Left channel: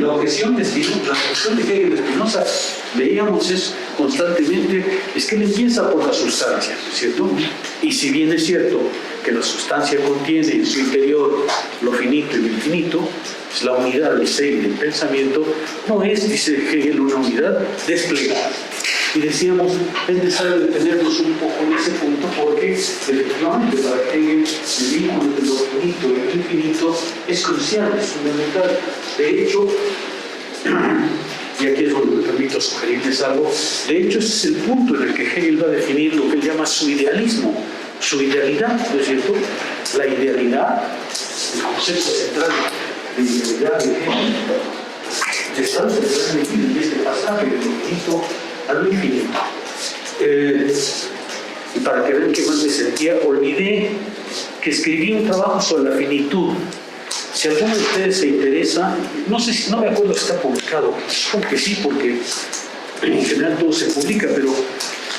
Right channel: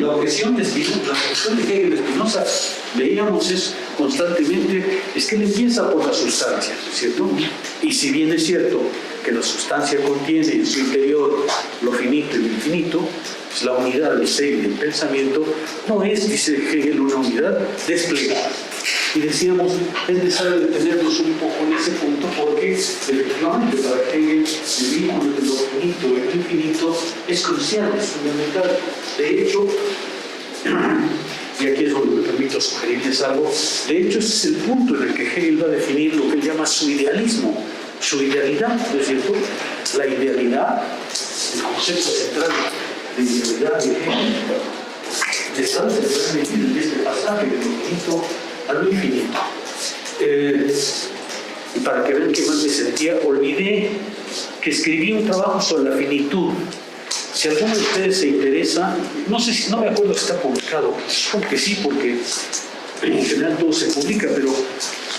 la objeción de Hegel de Spinoza, leíamos constantemente, es que él empieza por la sustancia, ¿cierto? Y si bien es cierto que la sustancia contiene en su interior lo finito y lo infinito, pues la unidad del ser y del pensamiento no es, dice Hegel, una unidad desplegada. Y decíamos, es necesario detenernos un poco en ese punto porque efectivamente para Hegel el vínculo entre lo finito y lo infinito es crucial, es fundamental. De hecho, y aquí es donde me permito sugerirles algo, de hecho ese es el punto en el que Hegel va a definir lo que él llama su idealismo, su idealidad, ¿no es cierto? La idealidad, el concepto central de idealidad de Hegel, está metido en este pasaje de lo finito a lo infinito. Y para que vean qué más me sentía, olvidé que escribí un trabajo sobre la finitud. Si alguno de ustedes se interesa, no me acuerdo si está publicado, supongo que sí, porque en general todo se publica, pero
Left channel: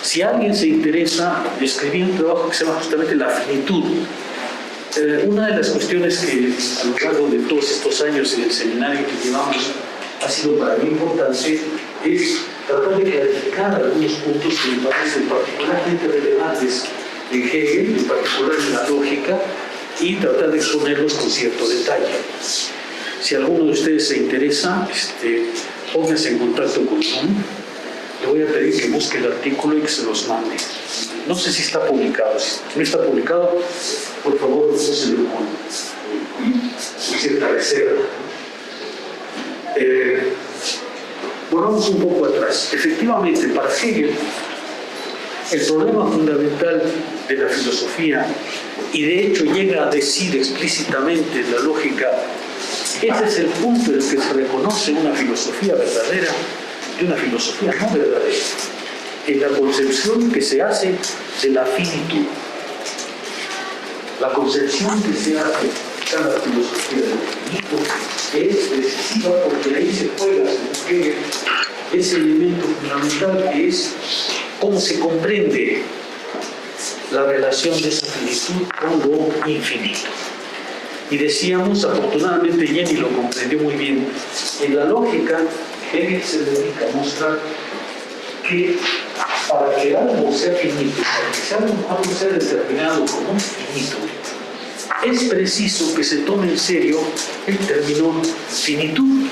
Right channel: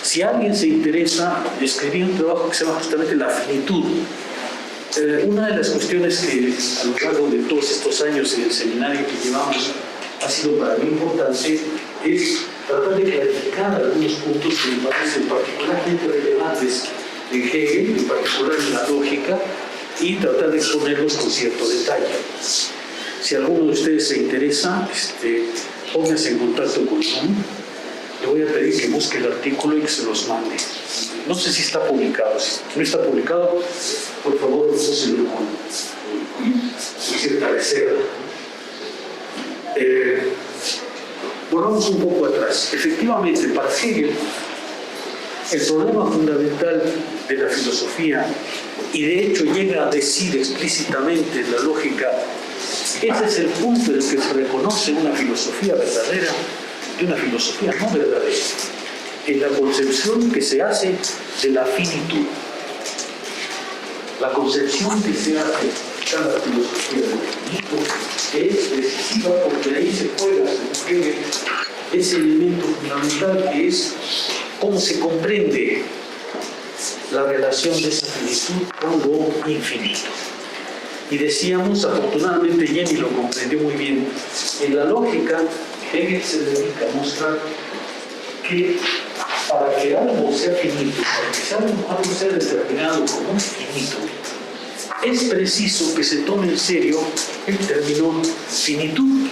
si alguien se interesa, escribí un trabajo que se llama justamente La finitud. Una de las cuestiones que a lo largo de todos estos años en el seminario que llevamos ha sido para mí importante es tratar de clarificar algunos puntos que me parecen particularmente relevantes en Hegel, en particular en la lógica, y tratar de exponerlos con cierto detalle. Si alguno de ustedes se interesa, pónganse en contacto conmigo. Le voy a pedir que busque el artículo y que se los mande. No sé si está publicado. Si no está publicado, por favor, úselo con cierta reserva. Volvamos un poco atrás. Efectivamente, para Hegel, el problema fundamental de la filosofía, y de hecho llega a decir explícitamente la lógica, ese es el punto en el que se reconoce una filosofía verdadera y una filosofía no verdadera, en la concepción que se hace de la finitud. La concepción que se hace de la filosofía del infinito es decisiva porque ahí se juega, según Hegel, ese elemento fundamental que es cómo se comprende la relación de esa finitud con lo infinito. Y decíamos, afortunadamente Jenny lo comprendió muy bien, en la lógica Hegel se dedica a mostrar que para que algo sea finito, para que algo sea determinado como finito, es preciso que se tome en serio el término finitud.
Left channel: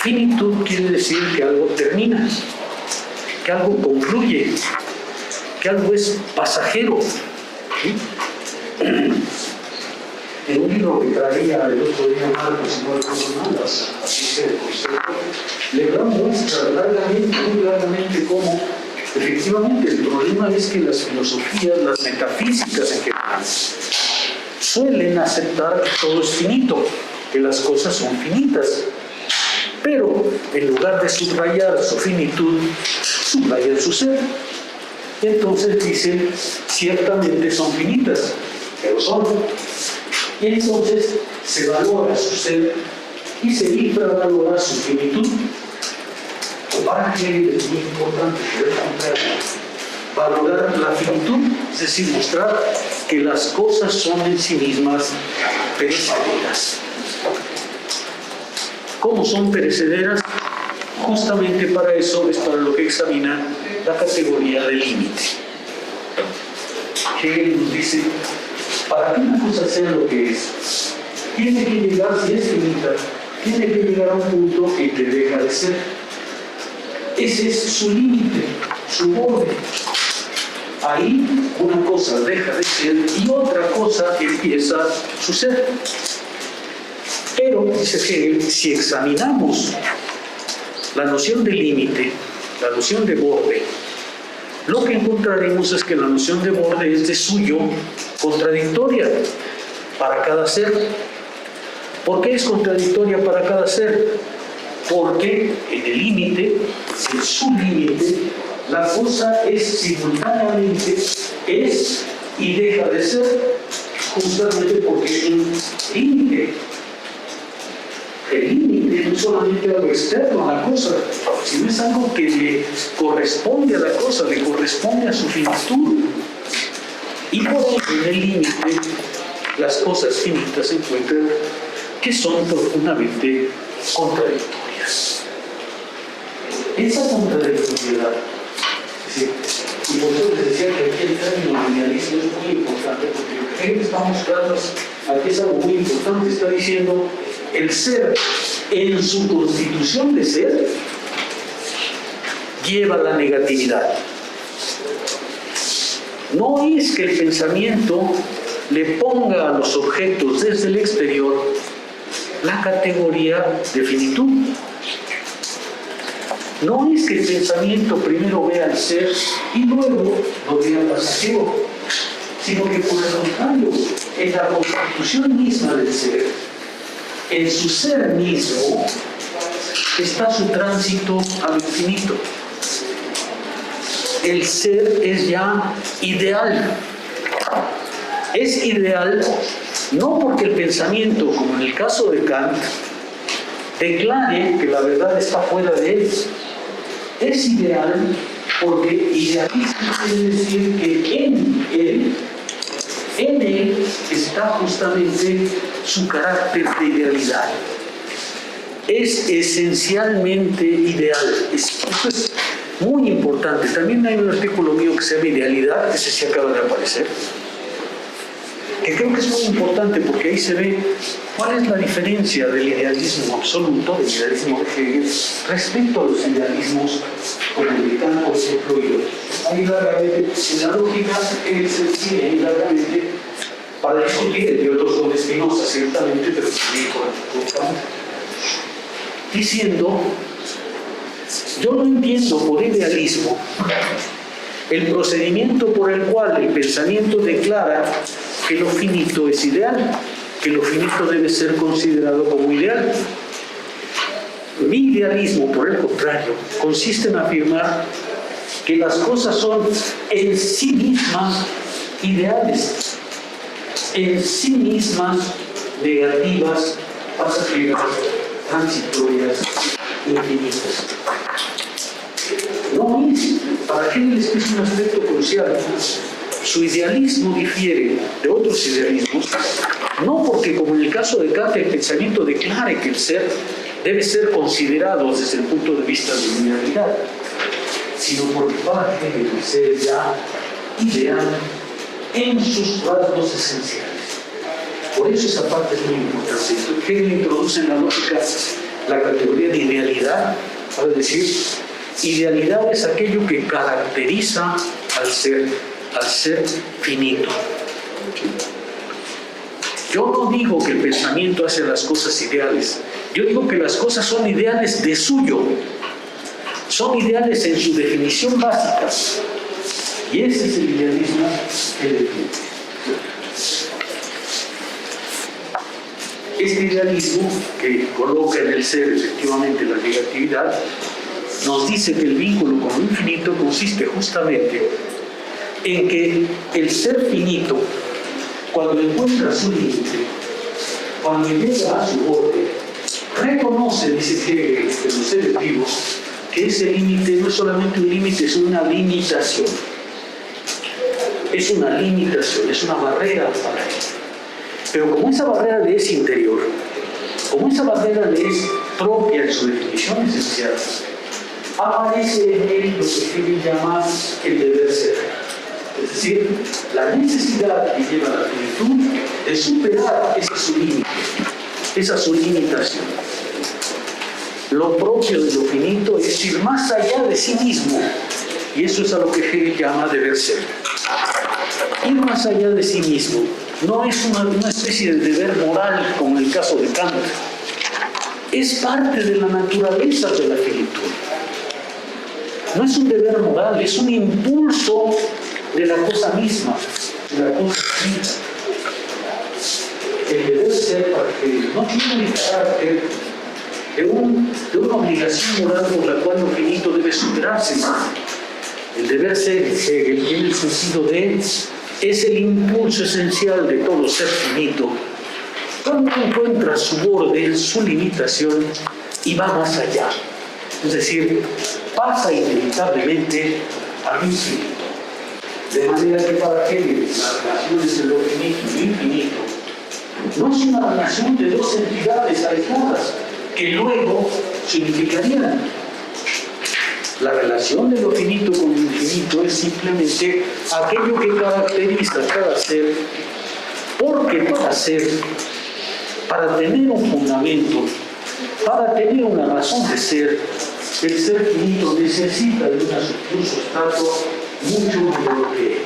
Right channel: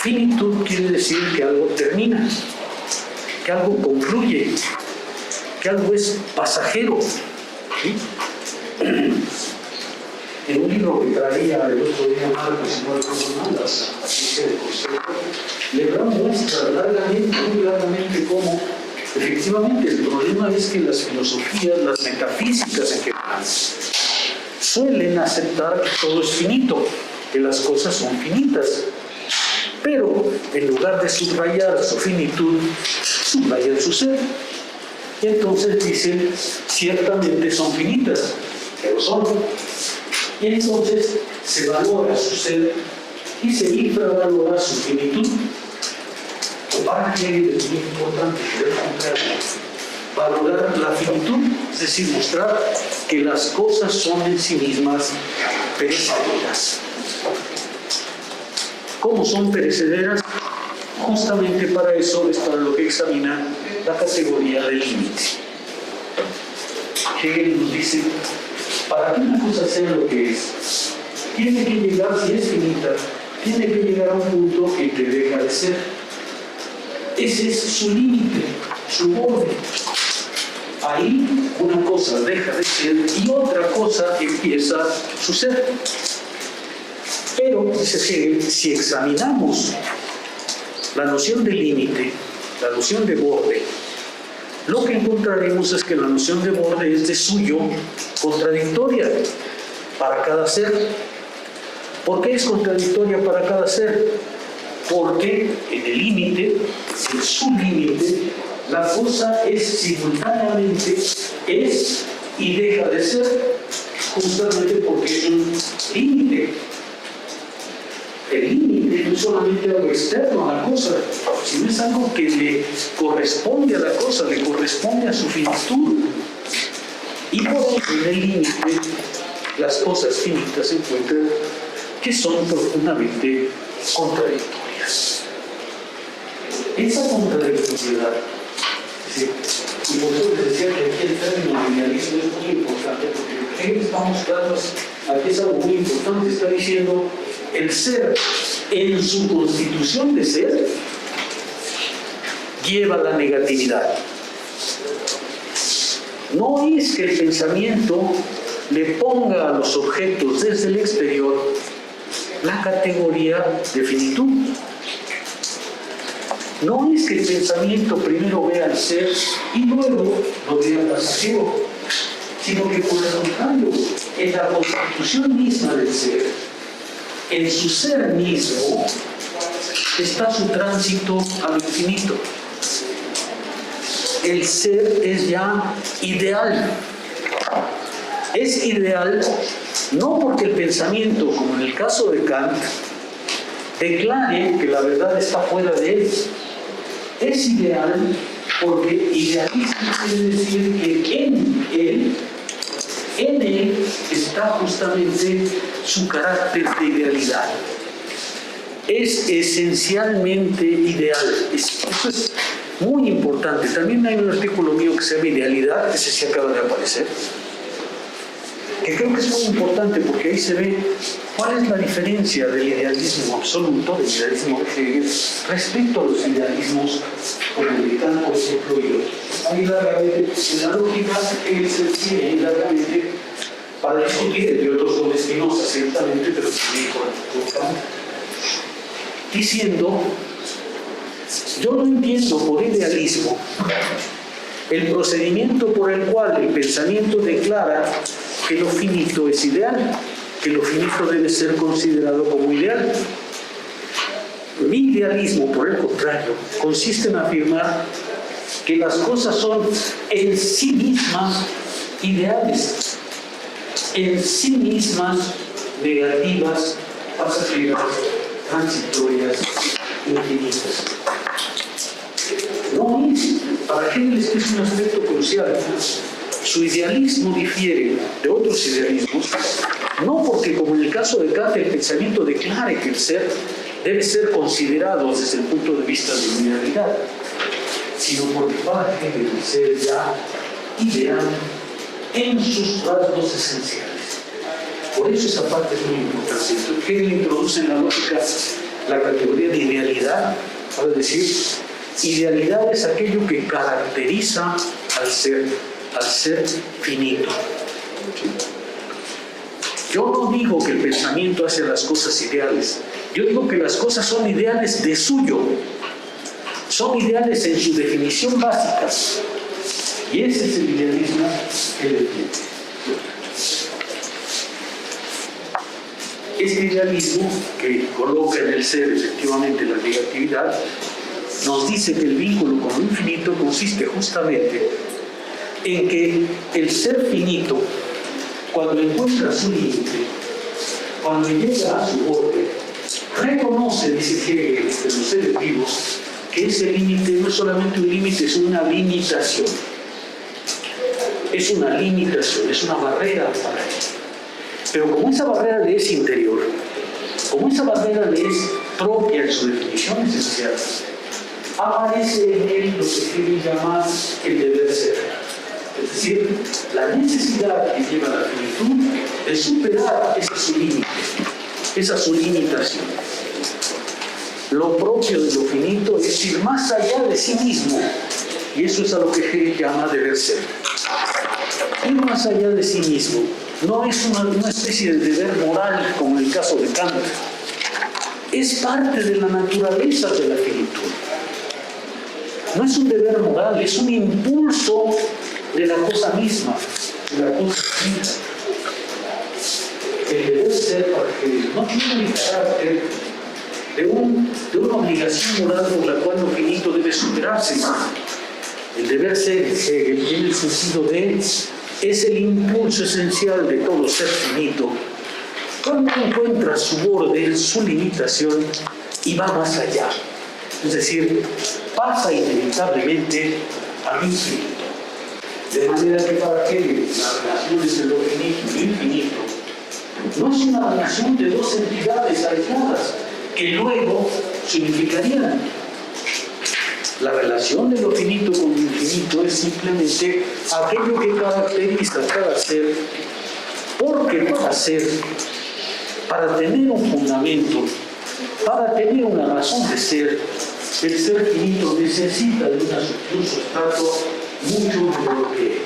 Finitud quiere decir que algo termina, que algo concluye, que algo es pasajero. ¿Sí? En un libro que traía el otro día Marcos, no recuerdo mal, las Patricia del Consejo, le muestra muy largamente cómo efectivamente el problema es que las filosofías, las metafísicas en general, suelen aceptar que todo es finito, que las cosas son finitas. Pero en lugar de subrayar su finitud, subrayan su ser. Entonces dicen, ciertamente son finitas, pero son. Y entonces se valora su ser y se infravalora su finitud. Para Hegel es muy importante valorar la finitud, es decir, mostrar que las cosas son en sí mismas perecederas. ¿Cómo son perecederas? Justamente para eso es para lo que examina la categoría del límite. Hegel nos dice, para que una cosa sea lo que es, tiene que llegar, si es finita, tiene que llegar a un punto que te deja de ser. Ese es su límite, su borde. Ahí una cosa deja de ser y otra cosa empieza a suceder. Pero, dice Hegel, si examinamos la noción de límite, la noción de borde, lo que encontraremos es que la noción de borde es de suyo contradictoria para cada ser. ¿Por qué es contradictoria para cada ser? Porque en el límite, en su límite, la cosa es simultáneamente es y deja de ser, justamente porque es un límite. El límite no es solamente algo externo a la cosa, sino es algo que le corresponde a la cosa, le corresponde a su finitud. Y por eso en el límite las cosas finitas se encuentran que son profundamente contradictorias. Esa contradictoriedad, y por eso les decía que aquí el término idealismo es muy importante, porque Hegel está mostrando aquí es algo muy importante, está diciendo el ser en su constitución de ser lleva la negatividad. No es que el pensamiento le ponga a los objetos desde el exterior la categoría de finitud. No es que el pensamiento primero vea el ser y luego lo vea pasajero, sino que por el contrario, en la constitución misma del ser, en su ser mismo, está su tránsito al infinito. El ser es ya ideal. Es ideal no porque el pensamiento, como en el caso de Kant, declare que la verdad está fuera de él. Es ideal porque idealismo quiere decir que en él está justamente su carácter de idealidad. Es esencialmente ideal. Esto es muy importante. También hay un artículo mío que se llama Idealidad, ese sí acaba de aparecer, que creo que es muy importante porque ahí se ve cuál es la diferencia del idealismo absoluto, del idealismo de Hegel, respecto a los idealismos como el de Kant, por ejemplo, y otros. Ahí largamente, en la lógica, Hegel se decide ahí largamente para discutir, entre otros son de Spinoza, ciertamente, pero también con Kant, diciendo: yo no entiendo por idealismo el procedimiento por el cual el pensamiento declara que lo finito es ideal, que lo finito debe ser considerado como ideal. Mi idealismo, por el contrario, consiste en afirmar que las cosas son en sí mismas ideales, en sí mismas negativas, pasajeras, transitorias, infinitas. No es, para Hegel este es un aspecto crucial. Su idealismo difiere de otros idealismos, no porque, como en el caso de Kant, el pensamiento declare que el ser debe ser considerado desde el punto de vista de la idealidad, sino porque para Hegel el ser es ya ideal en sus rasgos esenciales. Por eso esa parte es muy importante. Hegel introduce en la lógica la categoría de idealidad, para decir, idealidad es aquello que caracteriza al ser finito. Yo no digo que el pensamiento hace las cosas ideales, yo digo que las cosas son ideales de suyo, son ideales en su definición básica, y ese es el idealismo que él define. Este idealismo que coloca en el ser efectivamente la negatividad nos dice que el vínculo con lo infinito consiste justamente en que el ser finito, cuando encuentra su límite, cuando llega a su borde, reconoce, dice Hegel, de los seres vivos, que ese límite no es solamente un límite, es una limitación. Es una limitación, es una barrera para él. Pero como esa barrera le es interior, como esa barrera le es propia en su definición esencial, aparece en él lo que Hegel llama el deber ser. Es decir, la necesidad que lleva a la finitud de superar ese su límite, esa su limitación. Lo propio de lo finito es ir más allá de sí mismo, y eso es a lo que Hegel llama deber ser. Ir más allá de sí mismo no es una especie de deber moral como en el caso de Kant, es parte de la naturaleza de la finitud. No es un deber moral, es un impulso de la cosa misma, de la cosa finita. El deber ser para que no tiene el carácter de una obligación moral por la cual lo finito debe superarse. El deber ser en Hegel tiene el sentido de es el impulso esencial de todo ser finito cuando encuentra su borde, su limitación y va más allá. Es decir, pasa inevitablemente al infinito. De manera que para Hegel las relaciones de lo finito y lo infinito no es una relación de dos entidades alejadas que luego significarían la relación de lo finito con lo infinito es simplemente aquello que caracteriza cada ser, porque para tener un fundamento, para tener una razón de ser, el ser finito necesita de un sustrato mucho de lo que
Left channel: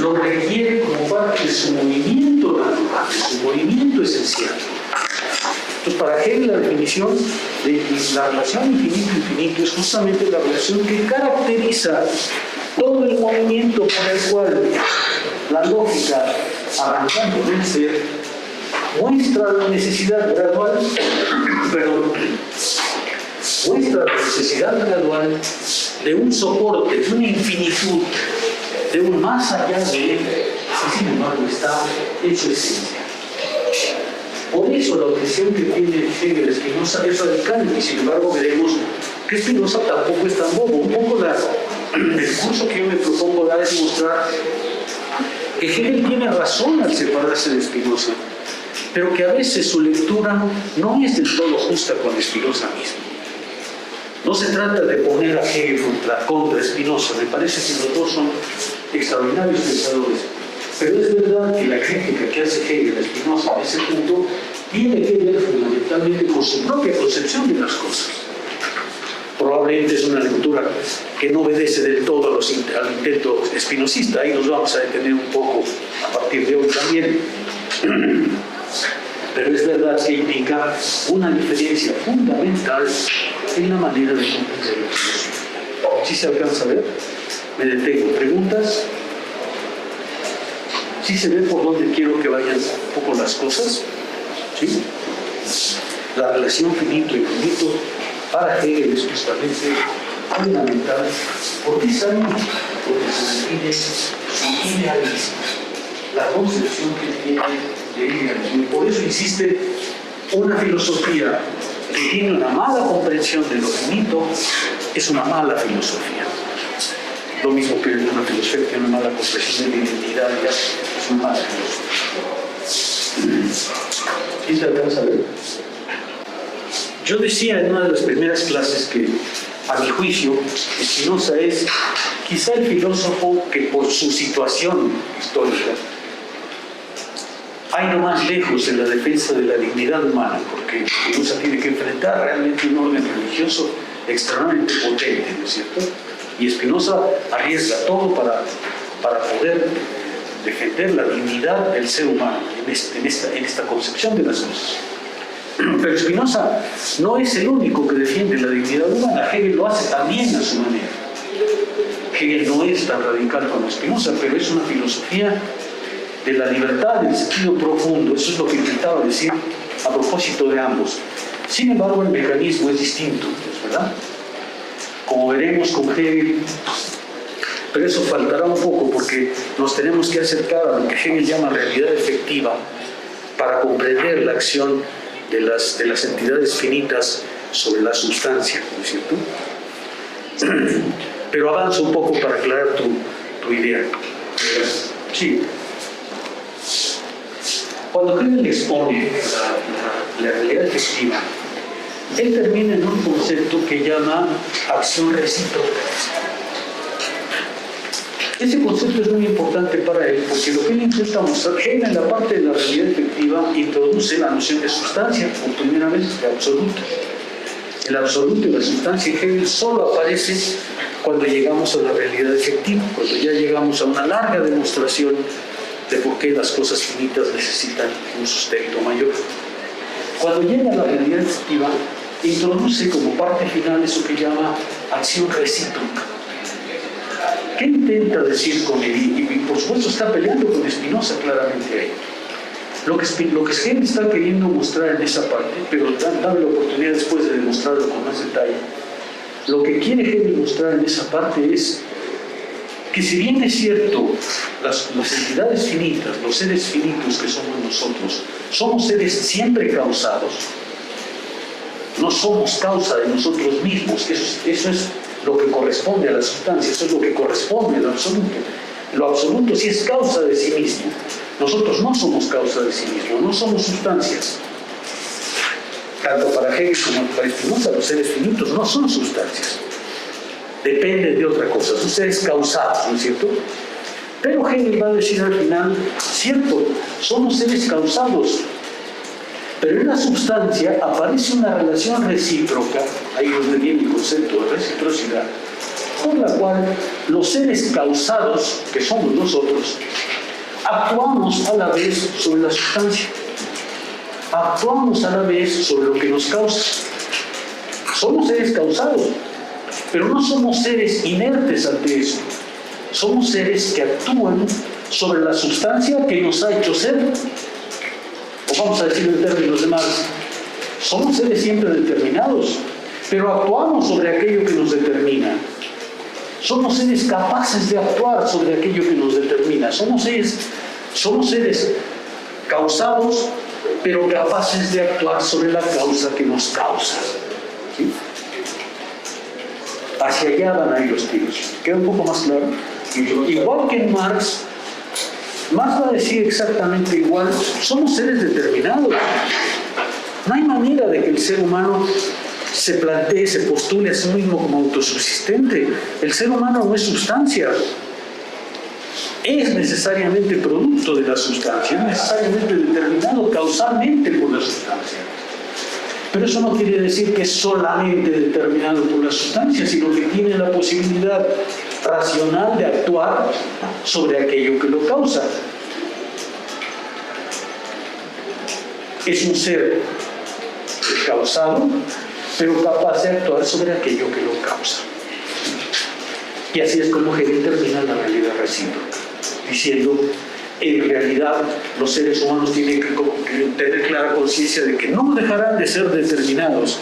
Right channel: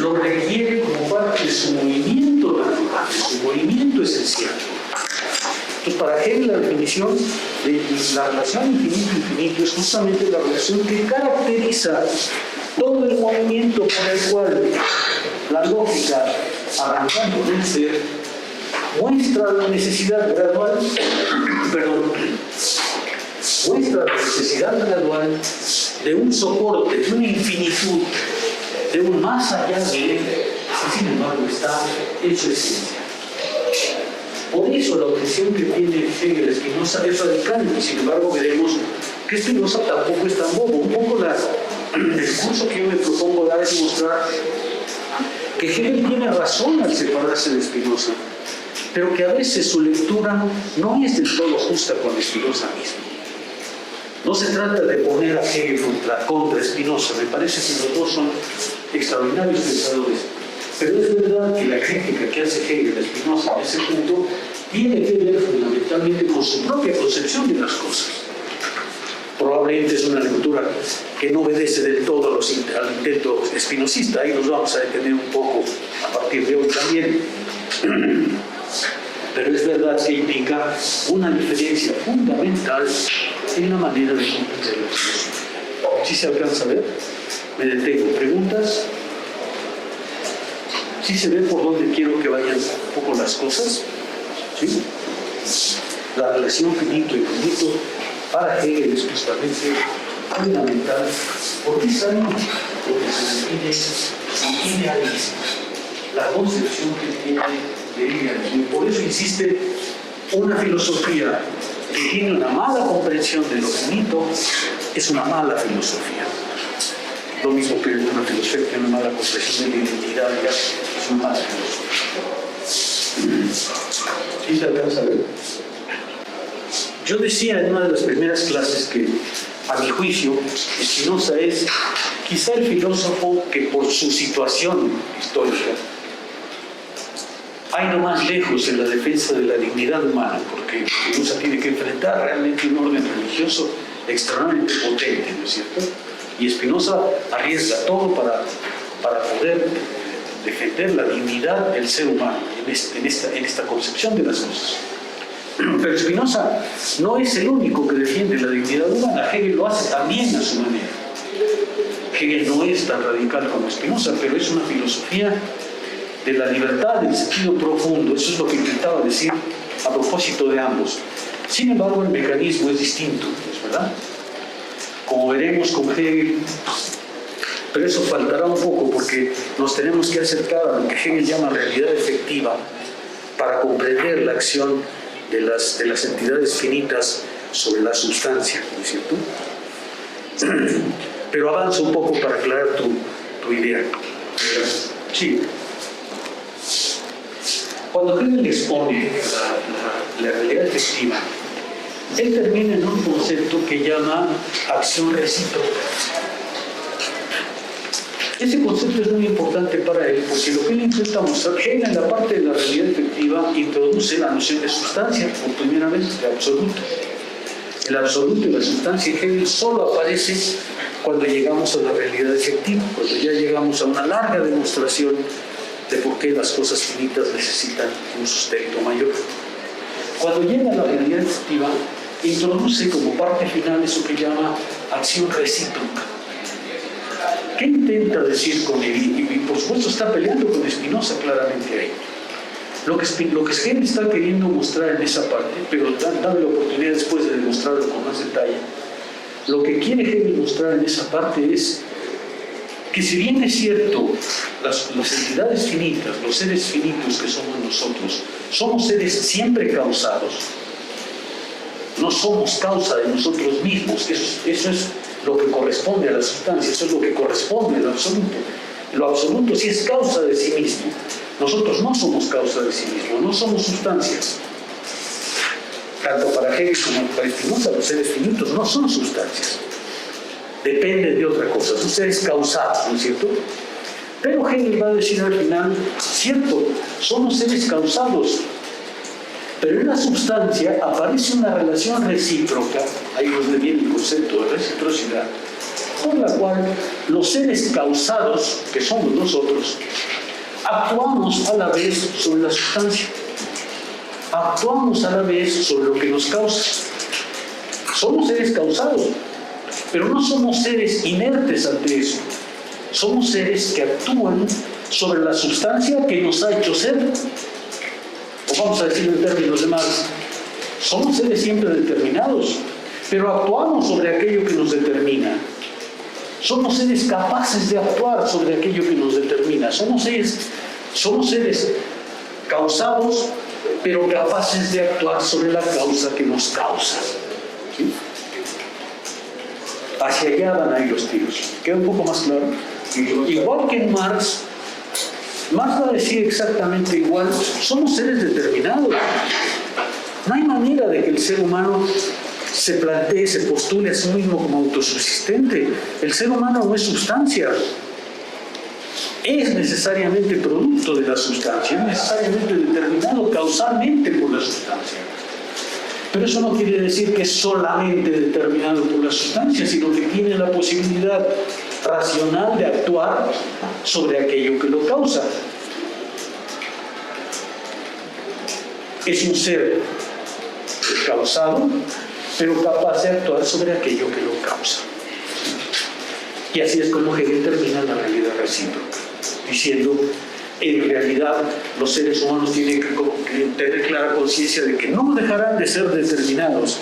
lo requiere como parte de su movimiento natural, de su movimiento esencial. Entonces, para Hegel la definición de la relación infinito-infinito es justamente la relación que caracteriza todo el movimiento por el cual la lógica, arrancando del ser, muestra la necesidad gradual, muestra la necesidad gradual de un soporte, de una infinitud, de un más allá de él, que sin embargo está en su esencia. Por eso la objeción que tiene Hegel Spinoza es radical, y sin embargo veremos que Spinoza tampoco es tan bobo. Un poco el discurso que yo me propongo dar es mostrar que Hegel tiene razón al separarse de Spinoza, pero que a veces su lectura no es del todo justa con Spinoza mismo. No se trata de poner a Hegel contra Spinoza, me parece que los dos son extraordinarios pensadores, pero es verdad que la crítica que hace Hegel a Spinoza en ese punto tiene que ver fundamentalmente con su propia concepción de las cosas. Probablemente es una lectura que no obedece del todo al intento espinosista, ahí nos vamos a detener un poco a partir de hoy también. Pero es verdad que indica una diferencia fundamental en la manera de comprender la filosofía. ¿Sí se alcanza a ver? Me detengo. ¿Preguntas? ¿Sí se ve por dónde quiero que vayan un poco las cosas? ¿Sí? La relación finito-infinito para Hegel es justamente fundamental. ¿Por qué sabemos? Porque se define su idealismo, la concepción que tiene de idealismo. Por eso insiste, una filosofía que tiene una mala comprensión de lo finito es una mala filosofía. Lo mismo que una filosofía que tiene una mala comprensión de la identidad es una mala filosofía. ¿Sí se alcanza a ver? Yo decía en una de las primeras clases que, a mi juicio, Spinoza es quizá el filósofo que por su situación histórica ha ido más lejos en la defensa de la dignidad humana, porque Spinoza tiene que enfrentar realmente un orden religioso extremadamente potente, ¿no es cierto? Y Spinoza arriesga todo para poder defender la dignidad del ser humano en esta concepción de las cosas. Pero Spinoza no es el único que defiende la dignidad humana. Hegel lo hace también a su manera. Hegel no es tan radical como Spinoza, pero es una filosofía de la libertad en sentido profundo. Eso es lo que intentaba decir a propósito de ambos. Sin embargo, el mecanismo es distinto, ¿verdad? Como veremos con Hegel, pero eso faltará un poco porque nos tenemos que acercar a lo que Hegel llama realidad efectiva para comprender la acción de las entidades finitas sobre la sustancia, ¿no es cierto? Pero avanzo un poco para aclarar tu idea. Sí. Cuando Hegel expone la realidad efectiva, él termina en un concepto que llama acción recíproca. Ese concepto es muy importante para él porque lo que él intenta mostrar, Hegel en la parte de la realidad efectiva introduce la noción de sustancia por primera vez, de absoluto. El absoluto y la sustancia en Hegel solo aparece cuando llegamos a la realidad efectiva, cuando ya llegamos a una larga demostración de por qué las cosas finitas necesitan un sustento mayor. Cuando llega a la realidad efectiva, introduce como parte final eso que llama acción recíproca. ¿Qué intenta decir con él? Y por supuesto está peleando con Spinoza claramente ahí. Lo que Hegel está queriendo mostrar en esa parte, pero dame la oportunidad después de demostrarlo con más detalle, lo que quiere Hegel mostrar en esa parte es que si bien es cierto, las entidades finitas, los seres finitos que somos nosotros, somos seres siempre causados, no somos causa de nosotros mismos, eso es lo que corresponde a la sustancia, eso es lo que corresponde al absoluto. Lo absoluto sí es causa de sí mismo. Nosotros no somos causa de sí mismo, no somos sustancias. tanto para Hegel como para Spinoza, los seres finitos no son sustancias. Dependen de otra cosa, son seres causados, ¿no es cierto? Pero Hegel va a decir al final, cierto, somos seres causados, pero en la sustancia aparece una relación recíproca, ahí es donde viene el concepto de reciprocidad, por la cual los seres causados, que somos nosotros, actuamos a la vez sobre la sustancia, actuamos a la vez sobre lo que nos causa. Somos seres causados, pero no somos seres inertes ante eso. Somos seres que actúan sobre la sustancia que nos ha hecho ser. O vamos a decir en términos de Marx, somos seres siempre determinados, pero actuamos sobre aquello que nos determina. Somos seres capaces de actuar sobre aquello que nos determina. Somos seres causados, pero capaces de actuar sobre la causa que nos causa. ¿Sí? Hacia allá van a ir los tiros. ¿Queda un poco más claro? Igual que en Marx va a decir exactamente igual, somos seres determinados. No hay manera de que el ser humano se plantee, se postule a sí mismo como autosubsistente. El ser humano no es sustancia. Es necesariamente producto de la sustancia, es necesariamente determinado causalmente por la sustancia. Pero eso no quiere decir que es solamente determinado por la sustancia, sino que tiene la posibilidad racional de actuar sobre aquello que lo causa. Es un ser causado, pero capaz de actuar sobre aquello que lo causa. Y así es como Hegel termina la realidad recíproca, diciendo, en realidad los seres humanos tienen que tener clara conciencia de que no dejarán de ser determinados,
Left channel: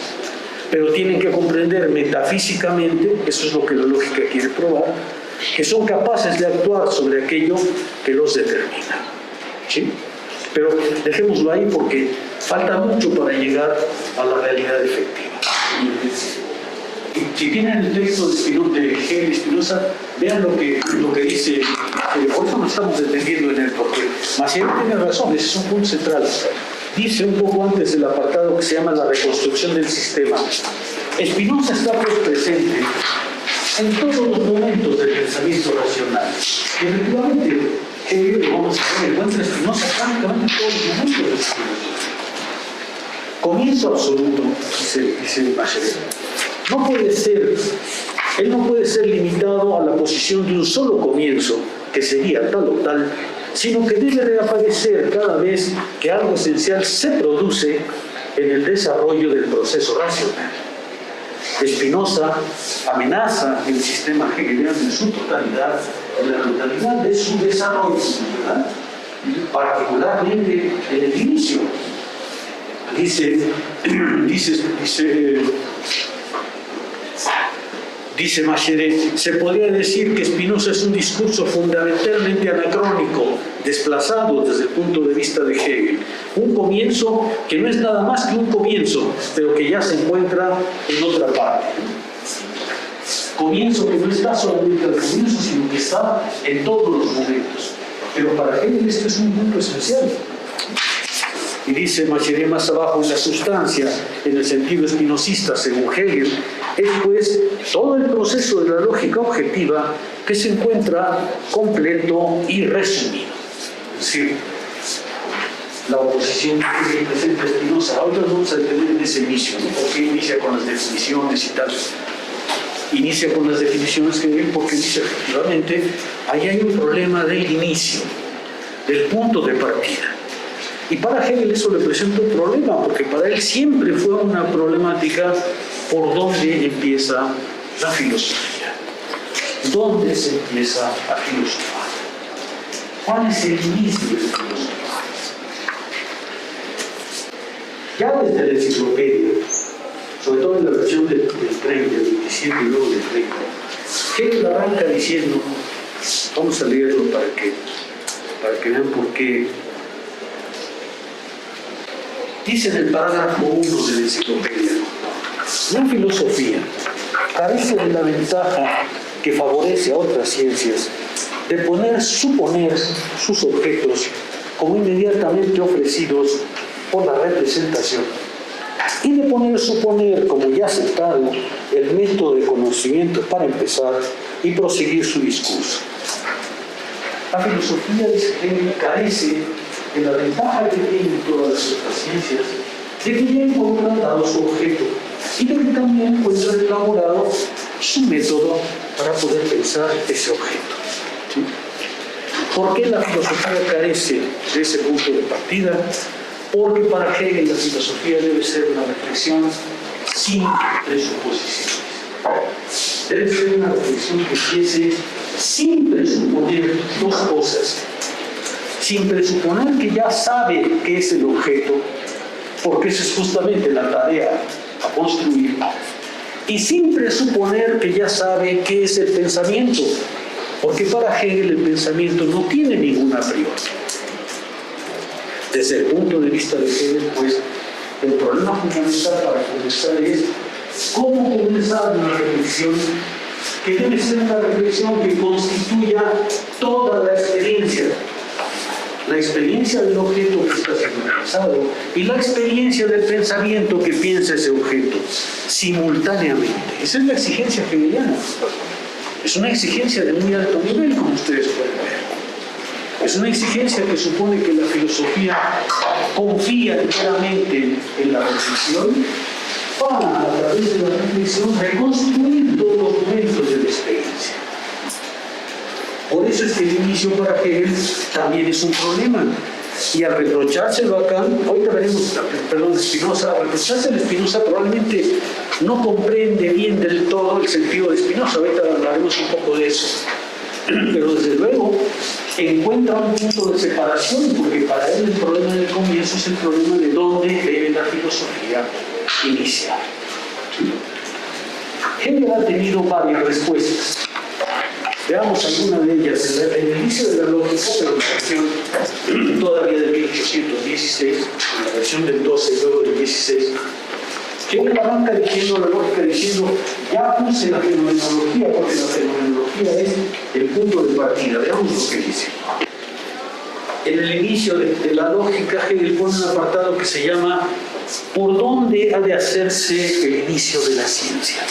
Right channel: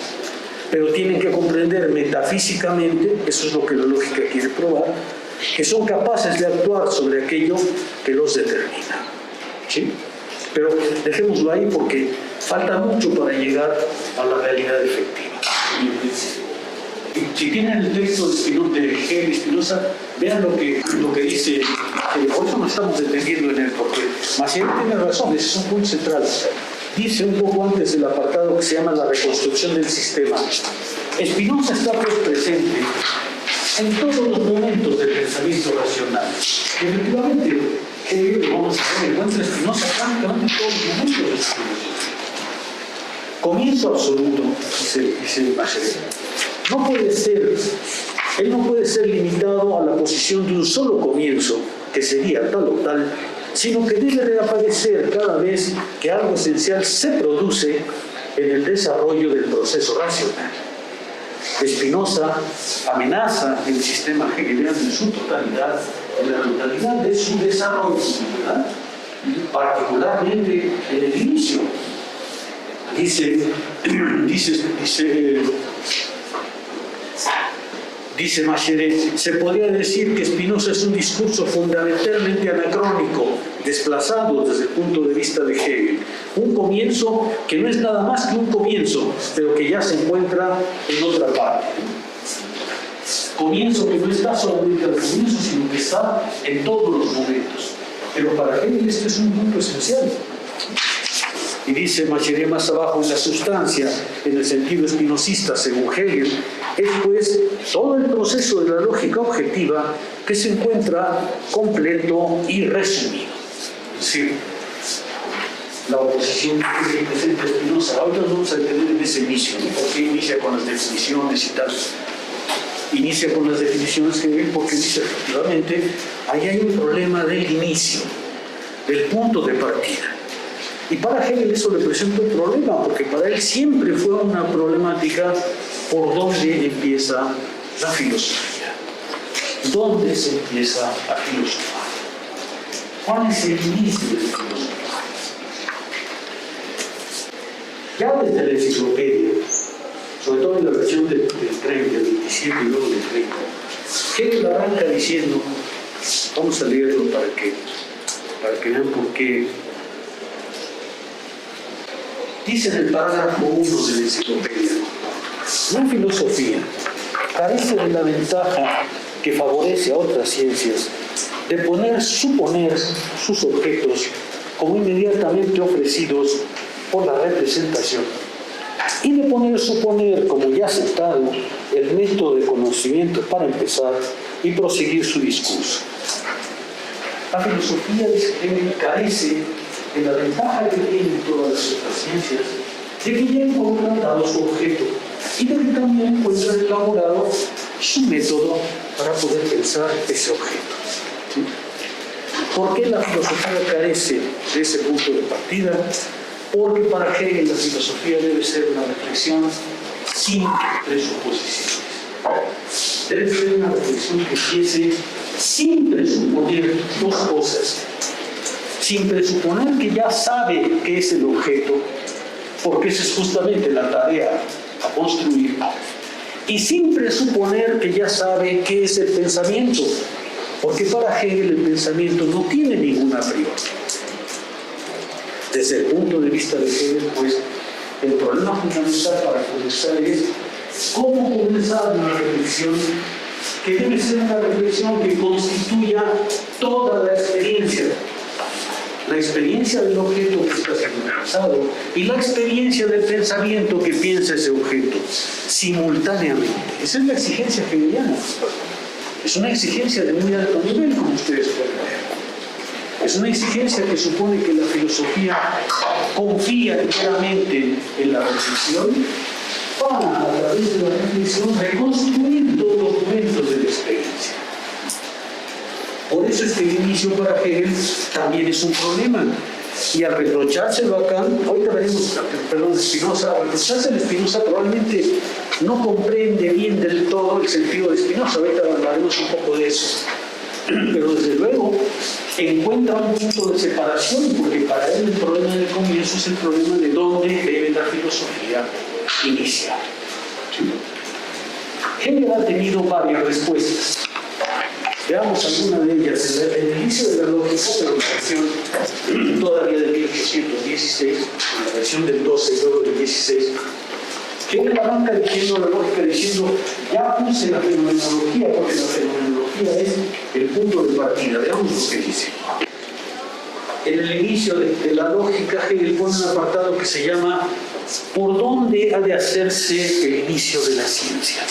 pero tienen que comprender metafísicamente, eso es lo que la lógica quiere probar, que son capaces de actuar sobre aquello que los determina. ¿Sí? Pero dejémoslo ahí porque falta mucho para llegar a la realidad efectiva. Si tienen el texto de Hegel y Spinoza, vean lo que dice. Por eso nos estamos deteniendo en él, porque Maciel tiene razón, ese es un punto central. Dice un poco antes del apartado que se llama la reconstrucción del sistema. Spinoza está pues presente en todos los momentos del pensamiento racional. Y efectivamente, Hegel, vamos a ver, encuentra Spinoza prácticamente en todos los momentos del Spinoza. Comienzo absoluto, dice Maciel. No puede ser, él no puede ser limitado a la posición de un solo comienzo, que sería tal o tal, sino que debe reaparecer cada vez que algo esencial se produce en el desarrollo del proceso racional. Spinoza amenaza el sistema hegeliano en su totalidad, en la totalidad de su desarrollo, ¿verdad? Particularmente en el inicio. Dice Macheret, se podría decir que Spinoza es un discurso fundamentalmente anacrónico, desplazado desde el punto de vista de Hegel. Un comienzo que no es nada más que un comienzo, pero que ya se encuentra en otra parte. Comienzo que no está solamente al comienzo, sino que está en todos los momentos. Pero para Hegel este es un punto esencial. Y dice Macheret más abajo, en la sustancia, en el sentido espinosista, según Hegel, es pues todo el proceso de la lógica objetiva que se encuentra completo y resumido. Es decir, la oposición que presenta Spinoza, ahora vamos a detener en ese inicio, ¿no? Porque inicia con las definiciones y tal. Inicia con las definiciones que ven porque dice efectivamente, ahí hay un problema del inicio, del punto de partida. Y para Hegel eso le presenta un problema, porque para él siempre fue una problemática por dónde empieza la filosofía. ¿Dónde se empieza a filosofar? ¿Cuál es el inicio de la filosofía? Ya desde la enciclopedia, sobre todo en la versión del 30, del 27 y luego del 30, Hegel arranca diciendo, vamos a leerlo para que vean por qué. Dice en el parágrafo 1 de la enciclopedia, la filosofía carece de la ventaja que favorece a otras ciencias de suponer sus objetos como inmediatamente ofrecidos por la representación y de poner suponer como ya aceptado el método de conocimiento para empezar y proseguir su discurso. La filosofía de Hegel carece de la ventaja que tienen todas las otras ciencias, de que ya encuentran dado su objeto y de que también encuentran elaborado su método para poder pensar ese objeto. ¿Sí? ¿Por qué la filosofía carece de ese punto de partida? Porque para Hegel la filosofía debe ser una reflexión sin presuposiciones. Debe ser una reflexión que empiece sin presuponer dos cosas. Sin presuponer que ya sabe qué es el objeto, porque esa es justamente la tarea a construir. Y sin presuponer que ya sabe qué es el pensamiento, porque para Hegel el pensamiento no tiene ninguna a priori. Desde el punto de vista de Hegel, pues, el problema fundamental para comenzar es cómo comenzar una reflexión que debe ser una reflexión que constituya toda la experiencia del objeto que está siendo pensado y la experiencia del pensamiento que piensa ese objeto simultáneamente. Esa es la exigencia hegeliana. Es una exigencia de muy alto nivel, como ustedes pueden ver. Es una exigencia que supone que la filosofía confía enteramente en la reflexión para, a través de la reflexión, reconstruir todos los momentos de la experiencia. Por eso es que el inicio para Hegel también es un problema. Y al reprochárselo a Kant, ahorita veremos, Spinoza, al reprochárselo a Spinoza probablemente no comprende bien del todo el sentido de Spinoza. Ahorita hablaremos un poco de eso. Pero desde luego encuentra un punto de separación, porque para él el problema del comienzo es el problema de dónde debe la filosofía iniciar. Hegel ha tenido varias respuestas. Veamos alguna de ellas. En el inicio de la lógica, pero en la versión todavía de 1816, en la versión del 12 y luego del 16, Hegel arranca diciendo la lógica diciendo, ya puse la fenomenología, porque la fenomenología es el punto de partida. Veamos lo que dice. En el inicio de la lógica, Hegel pone un apartado que se llama ¿por dónde ha de hacerse el inicio de la ciencia?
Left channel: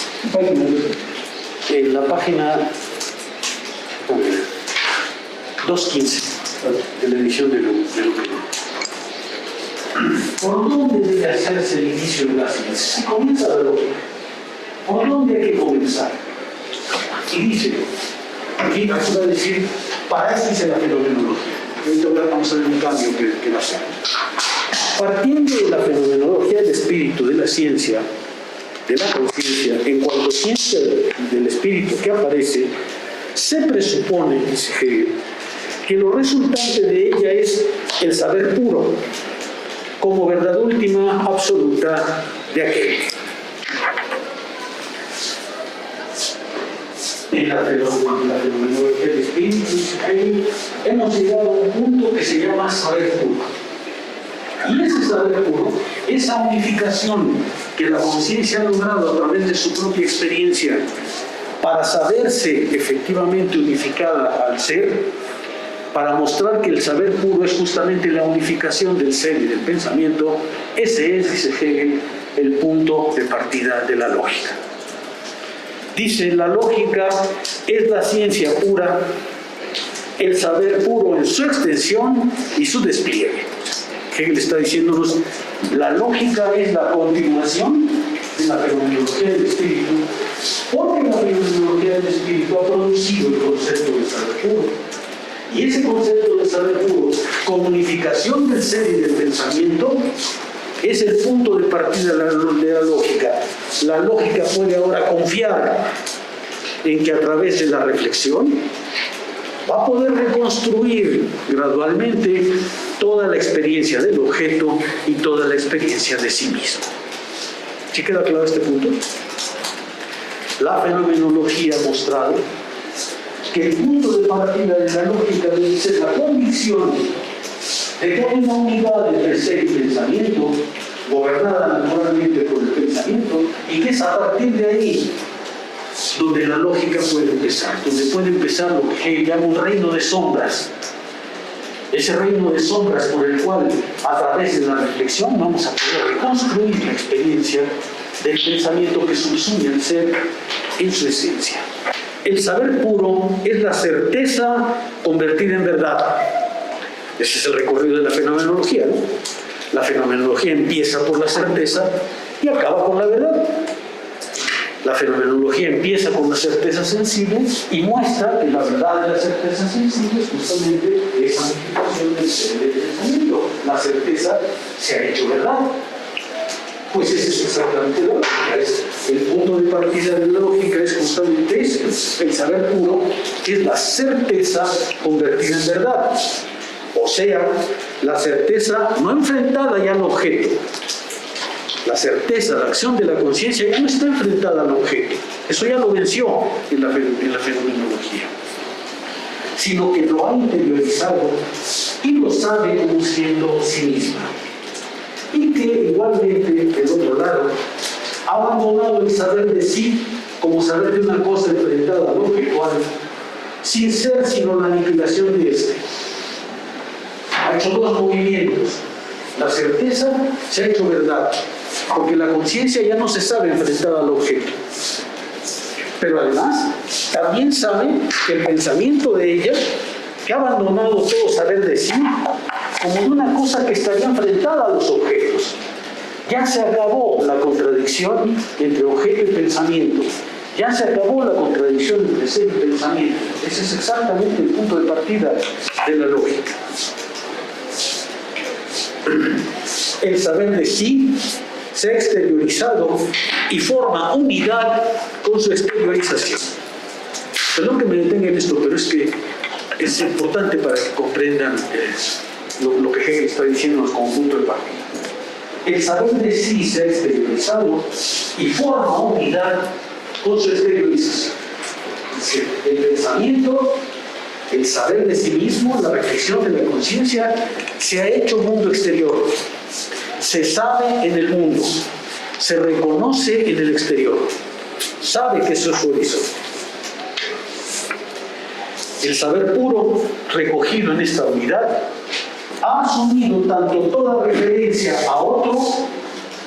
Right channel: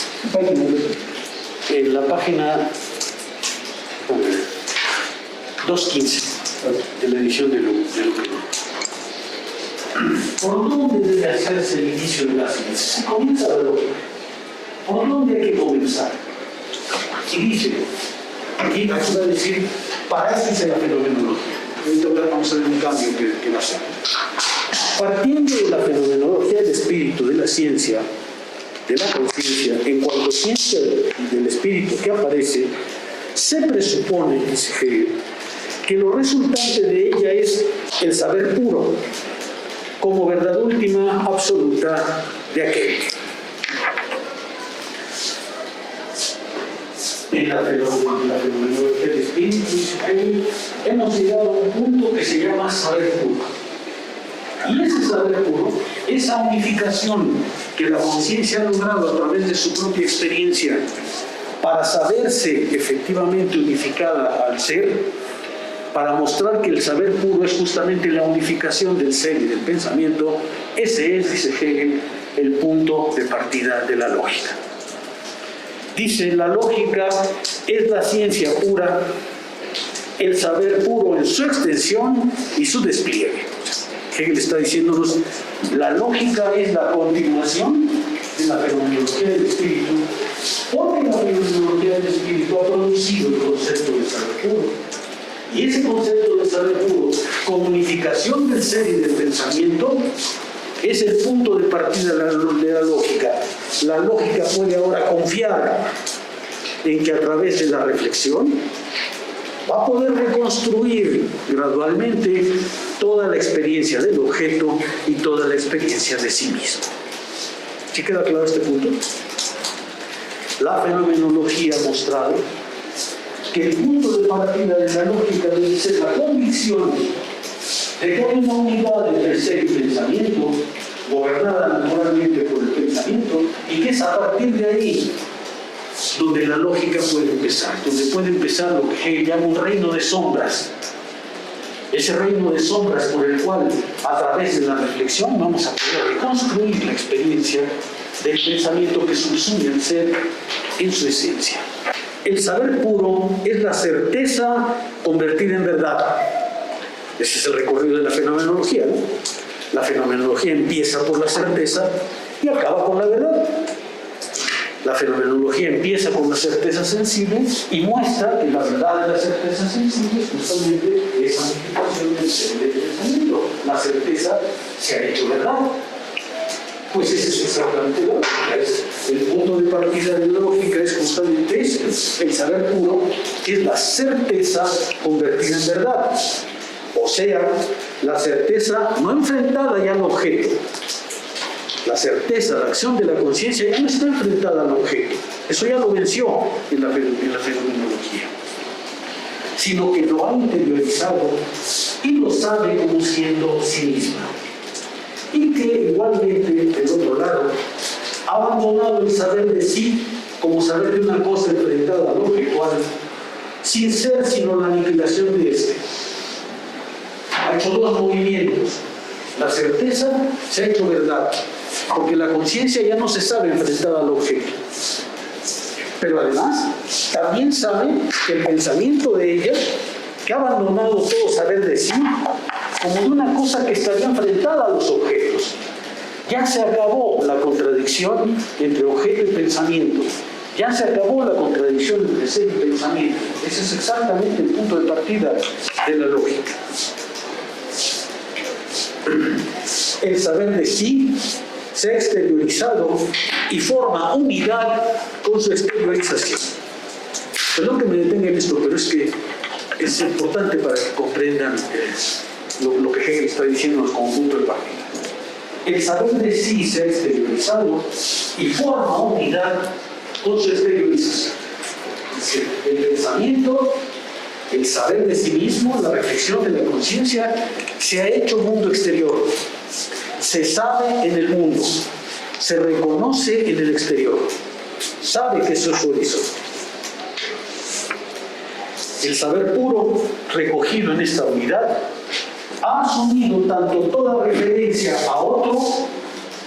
En la página 215 de la edición de Luke. ¿Por dónde debe hacerse el inicio de la ciencia? Se comienza la lógica. ¿Por dónde hay que comenzar? Y dice, aquí va a decir, para eso hice la fenomenología. Ahorita vamos a ver un cambio que va a ser. Partiendo de la fenomenología del espíritu, de la ciencia, de la conciencia, en cuanto a ciencia del espíritu que aparece, se presupone, dice Hegel, que lo resultante de ella es el saber puro, como verdad última, absoluta de aquel. En la fenomenología del espíritu, dice Hegel, hemos llegado a un punto que se llama saber puro. Y ese saber puro, esa unificación que la conciencia ha logrado a través de su propia experiencia para saberse efectivamente unificada al ser, para mostrar que el saber puro es justamente la unificación del ser y del pensamiento, ese es, dice Hegel, el punto de partida de la lógica. Dice, la lógica es la ciencia pura, el saber puro en su extensión y su despliegue. Hegel está diciéndonos, la lógica es la continuación de la fenomenología del espíritu, porque la fenomenología del espíritu ha producido el concepto de saber puro. Y ese concepto de saber puro, como unificación del ser y del pensamiento, es el punto de partida de la lógica. La lógica puede ahora confiar en que a través de la reflexión va a poder reconstruir gradualmente toda la experiencia del objeto y toda la experiencia de sí mismo. ¿Sí queda claro este punto? La fenomenología ha mostrado que el punto de partida de la lógica debe ser la convicción de que hay una unidad entre ser y pensamiento, gobernada naturalmente por el pensamiento, y que es a partir de ahí donde la lógica puede empezar, donde puede empezar lo que Hegel llama un reino de sombras, ese reino de sombras por el cual, a través de la reflexión, vamos a poder reconstruir la experiencia del pensamiento que subsume al ser en su esencia. El saber puro es la certeza convertida en verdad. Ese es el recorrido de la fenomenología, ¿no? La fenomenología empieza por la certeza y acaba por la verdad. La fenomenología empieza con la certeza sensible y muestra que la verdad de la certeza sensible es justamente esa unificación del ser del pensamiento. La certeza se ha hecho verdad. Pues ese es exactamente la lógica. El punto de partida de la lógica es justamente ese. El saber puro es la certeza convertida en verdad. O sea, la certeza no enfrentada ya al objeto. La certeza, la acción de la conciencia ya no está enfrentada al objeto. Eso ya lo venció en la fenomenología. Sino que lo ha interiorizado y lo sabe como siendo sí misma. Y que igualmente, del otro lado, ha abandonado el saber de sí como saber de una cosa enfrentada al objetual, sin ser sino la aniquilación de este. Ha hecho dos movimientos. La certeza se ha hecho verdad, porque la conciencia ya no se sabe enfrentar al objeto. Pero además, también sabe que el pensamiento de ella, que ha abandonado todo saber de sí, como de una cosa que estaría enfrentada a los objetos. Ya se acabó la contradicción entre objeto y pensamiento. Ya se acabó la contradicción entre ser y pensamiento. Ese es exactamente el punto de partida de la lógica. El saber de sí se ha exteriorizado y forma unidad con su exteriorización. Perdón que me detenga en esto, pero es que es importante para que comprendan lo que Hegel está diciendo como punto de partida. El saber de sí se ha exteriorizado y forma unidad con su exteriorización. El pensamiento, el saber de sí mismo, la reflexión de la conciencia, se ha hecho mundo exterior. Se sabe en el mundo, se reconoce en el exterior, sabe que eso es su horizonte. El saber puro, recogido en esta unidad, ha asumido tanto toda referencia a otro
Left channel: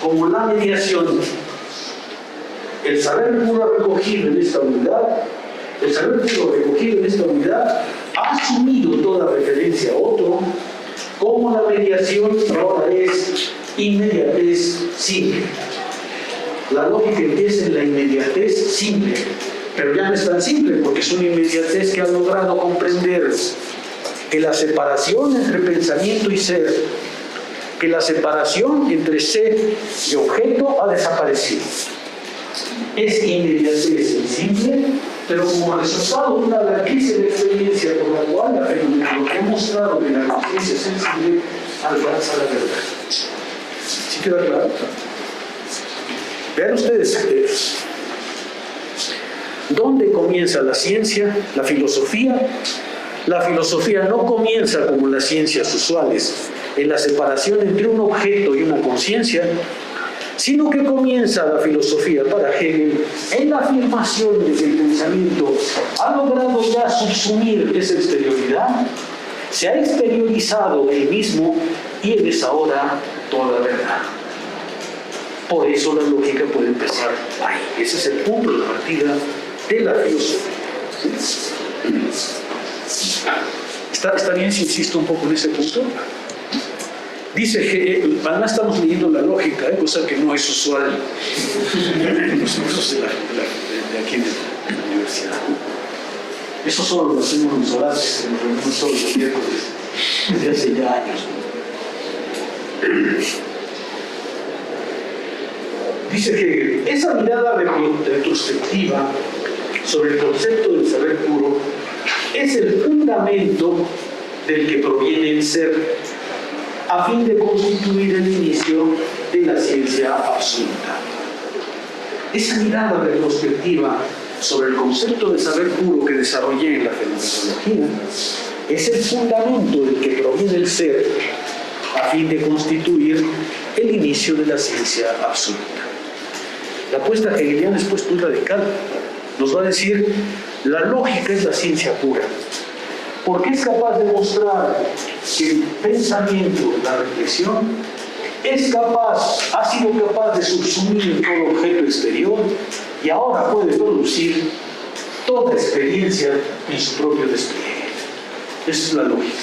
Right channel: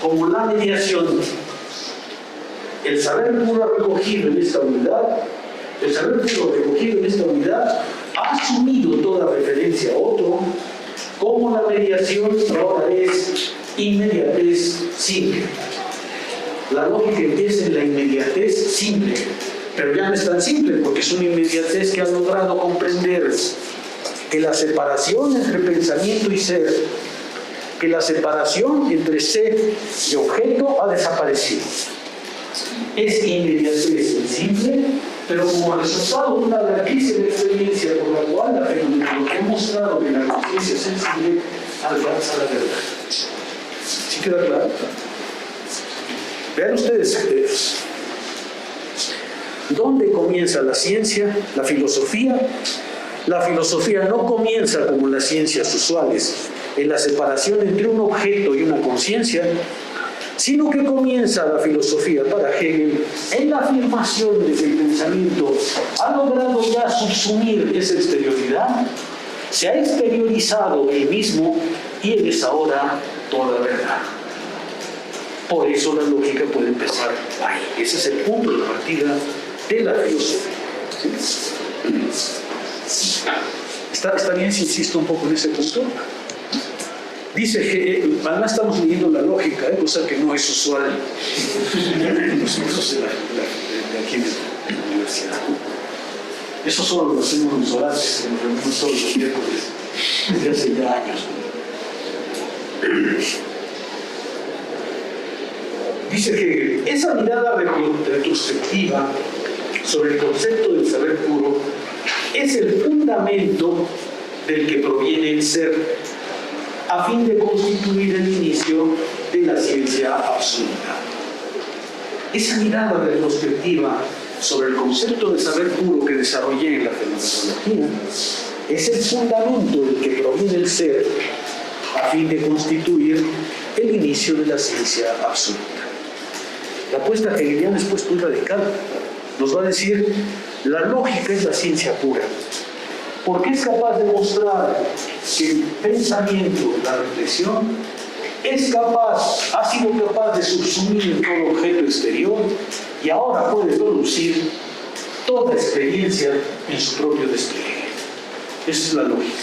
como la mediación. El saber puro recogido en esta unidad, ha asumido toda referencia a otro como la mediación ahora es inmediatez simple. La lógica empieza en la inmediatez simple, pero ya no es tan simple porque es una inmediatez que ha logrado comprender que la separación entre pensamiento y ser, que la separación entre ser y objeto ha desaparecido. Es inmediatez simple, pero como resultado de una larguísima experiencia por la cual la fenomenología ha mostrado que la conciencia sensible alcanza la verdad. ¿Sí queda claro? Vean ustedes, ¿dónde comienza la ciencia, la filosofía? La filosofía no comienza como las ciencias usuales, en la separación entre un objeto y una conciencia, sino que comienza la filosofía para Hegel en la afirmación de que el pensamiento ha logrado ya subsumir esa exterioridad, se ha exteriorizado él mismo y él es ahora toda verdad. Por eso la lógica puede empezar ahí. Ese es el punto de partida de la filosofía. ¿Está bien si insisto un poco en ese punto? Dice que además estamos leyendo la lógica, cosa que no es usual en los cursos de aquí en la universidad. Eso solo lo hacemos los orantes, que nos reunimos todos los miércoles desde hace ya años. Dice que esa mirada retrospectiva sobre el concepto del saber puro es el fundamento del que proviene el ser, a fin de constituir el inicio de la ciencia absoluta. Esa mirada retrospectiva sobre el concepto de saber puro que desarrollé en la fenomenología es el fundamento del que proviene el ser, a fin de constituir el inicio de la ciencia absoluta. La apuesta hegeliana es pues muy radical. Nos va a decir, la lógica es la ciencia pura. porque es capaz de mostrar que el pensamiento, la reflexión, ha sido capaz de subsumir todo objeto exterior y ahora puede producir toda experiencia en su propio despliegue. Esa es la lógica.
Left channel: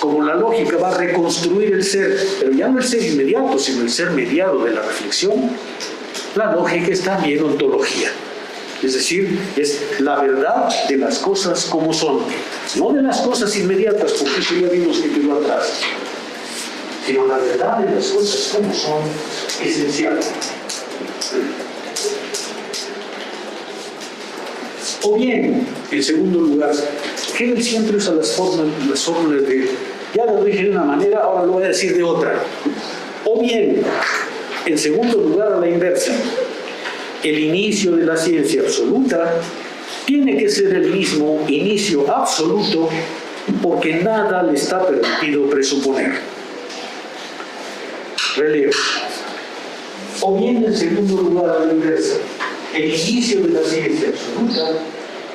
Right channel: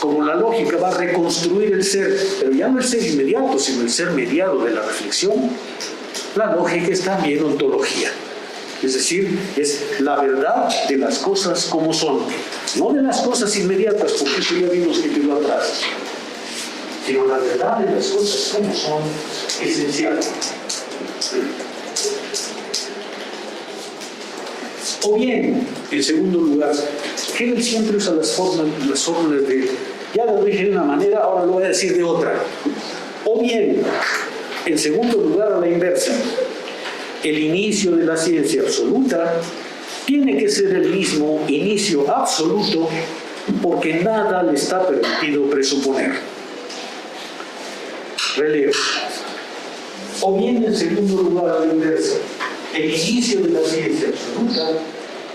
Como la lógica va a reconstruir el ser, pero ya no el ser inmediato, sino el ser mediado de la reflexión, la lógica es también ontología. Es decir, es la verdad de las cosas como son, no de las cosas inmediatas, porque eso ya vimos que quedó atrás, sino la verdad de las cosas como son, esencial. O bien, en segundo lugar, Hegel siempre usa las fórmulas de, ya lo dije de una manera, ahora lo voy a decir de otra. O bien, en segundo lugar, a la inversa, el inicio de la ciencia absoluta tiene que ser el mismo inicio absoluto porque nada le está permitido presuponer. Relevo. O bien, en segundo lugar, a la inversa, el inicio de la ciencia absoluta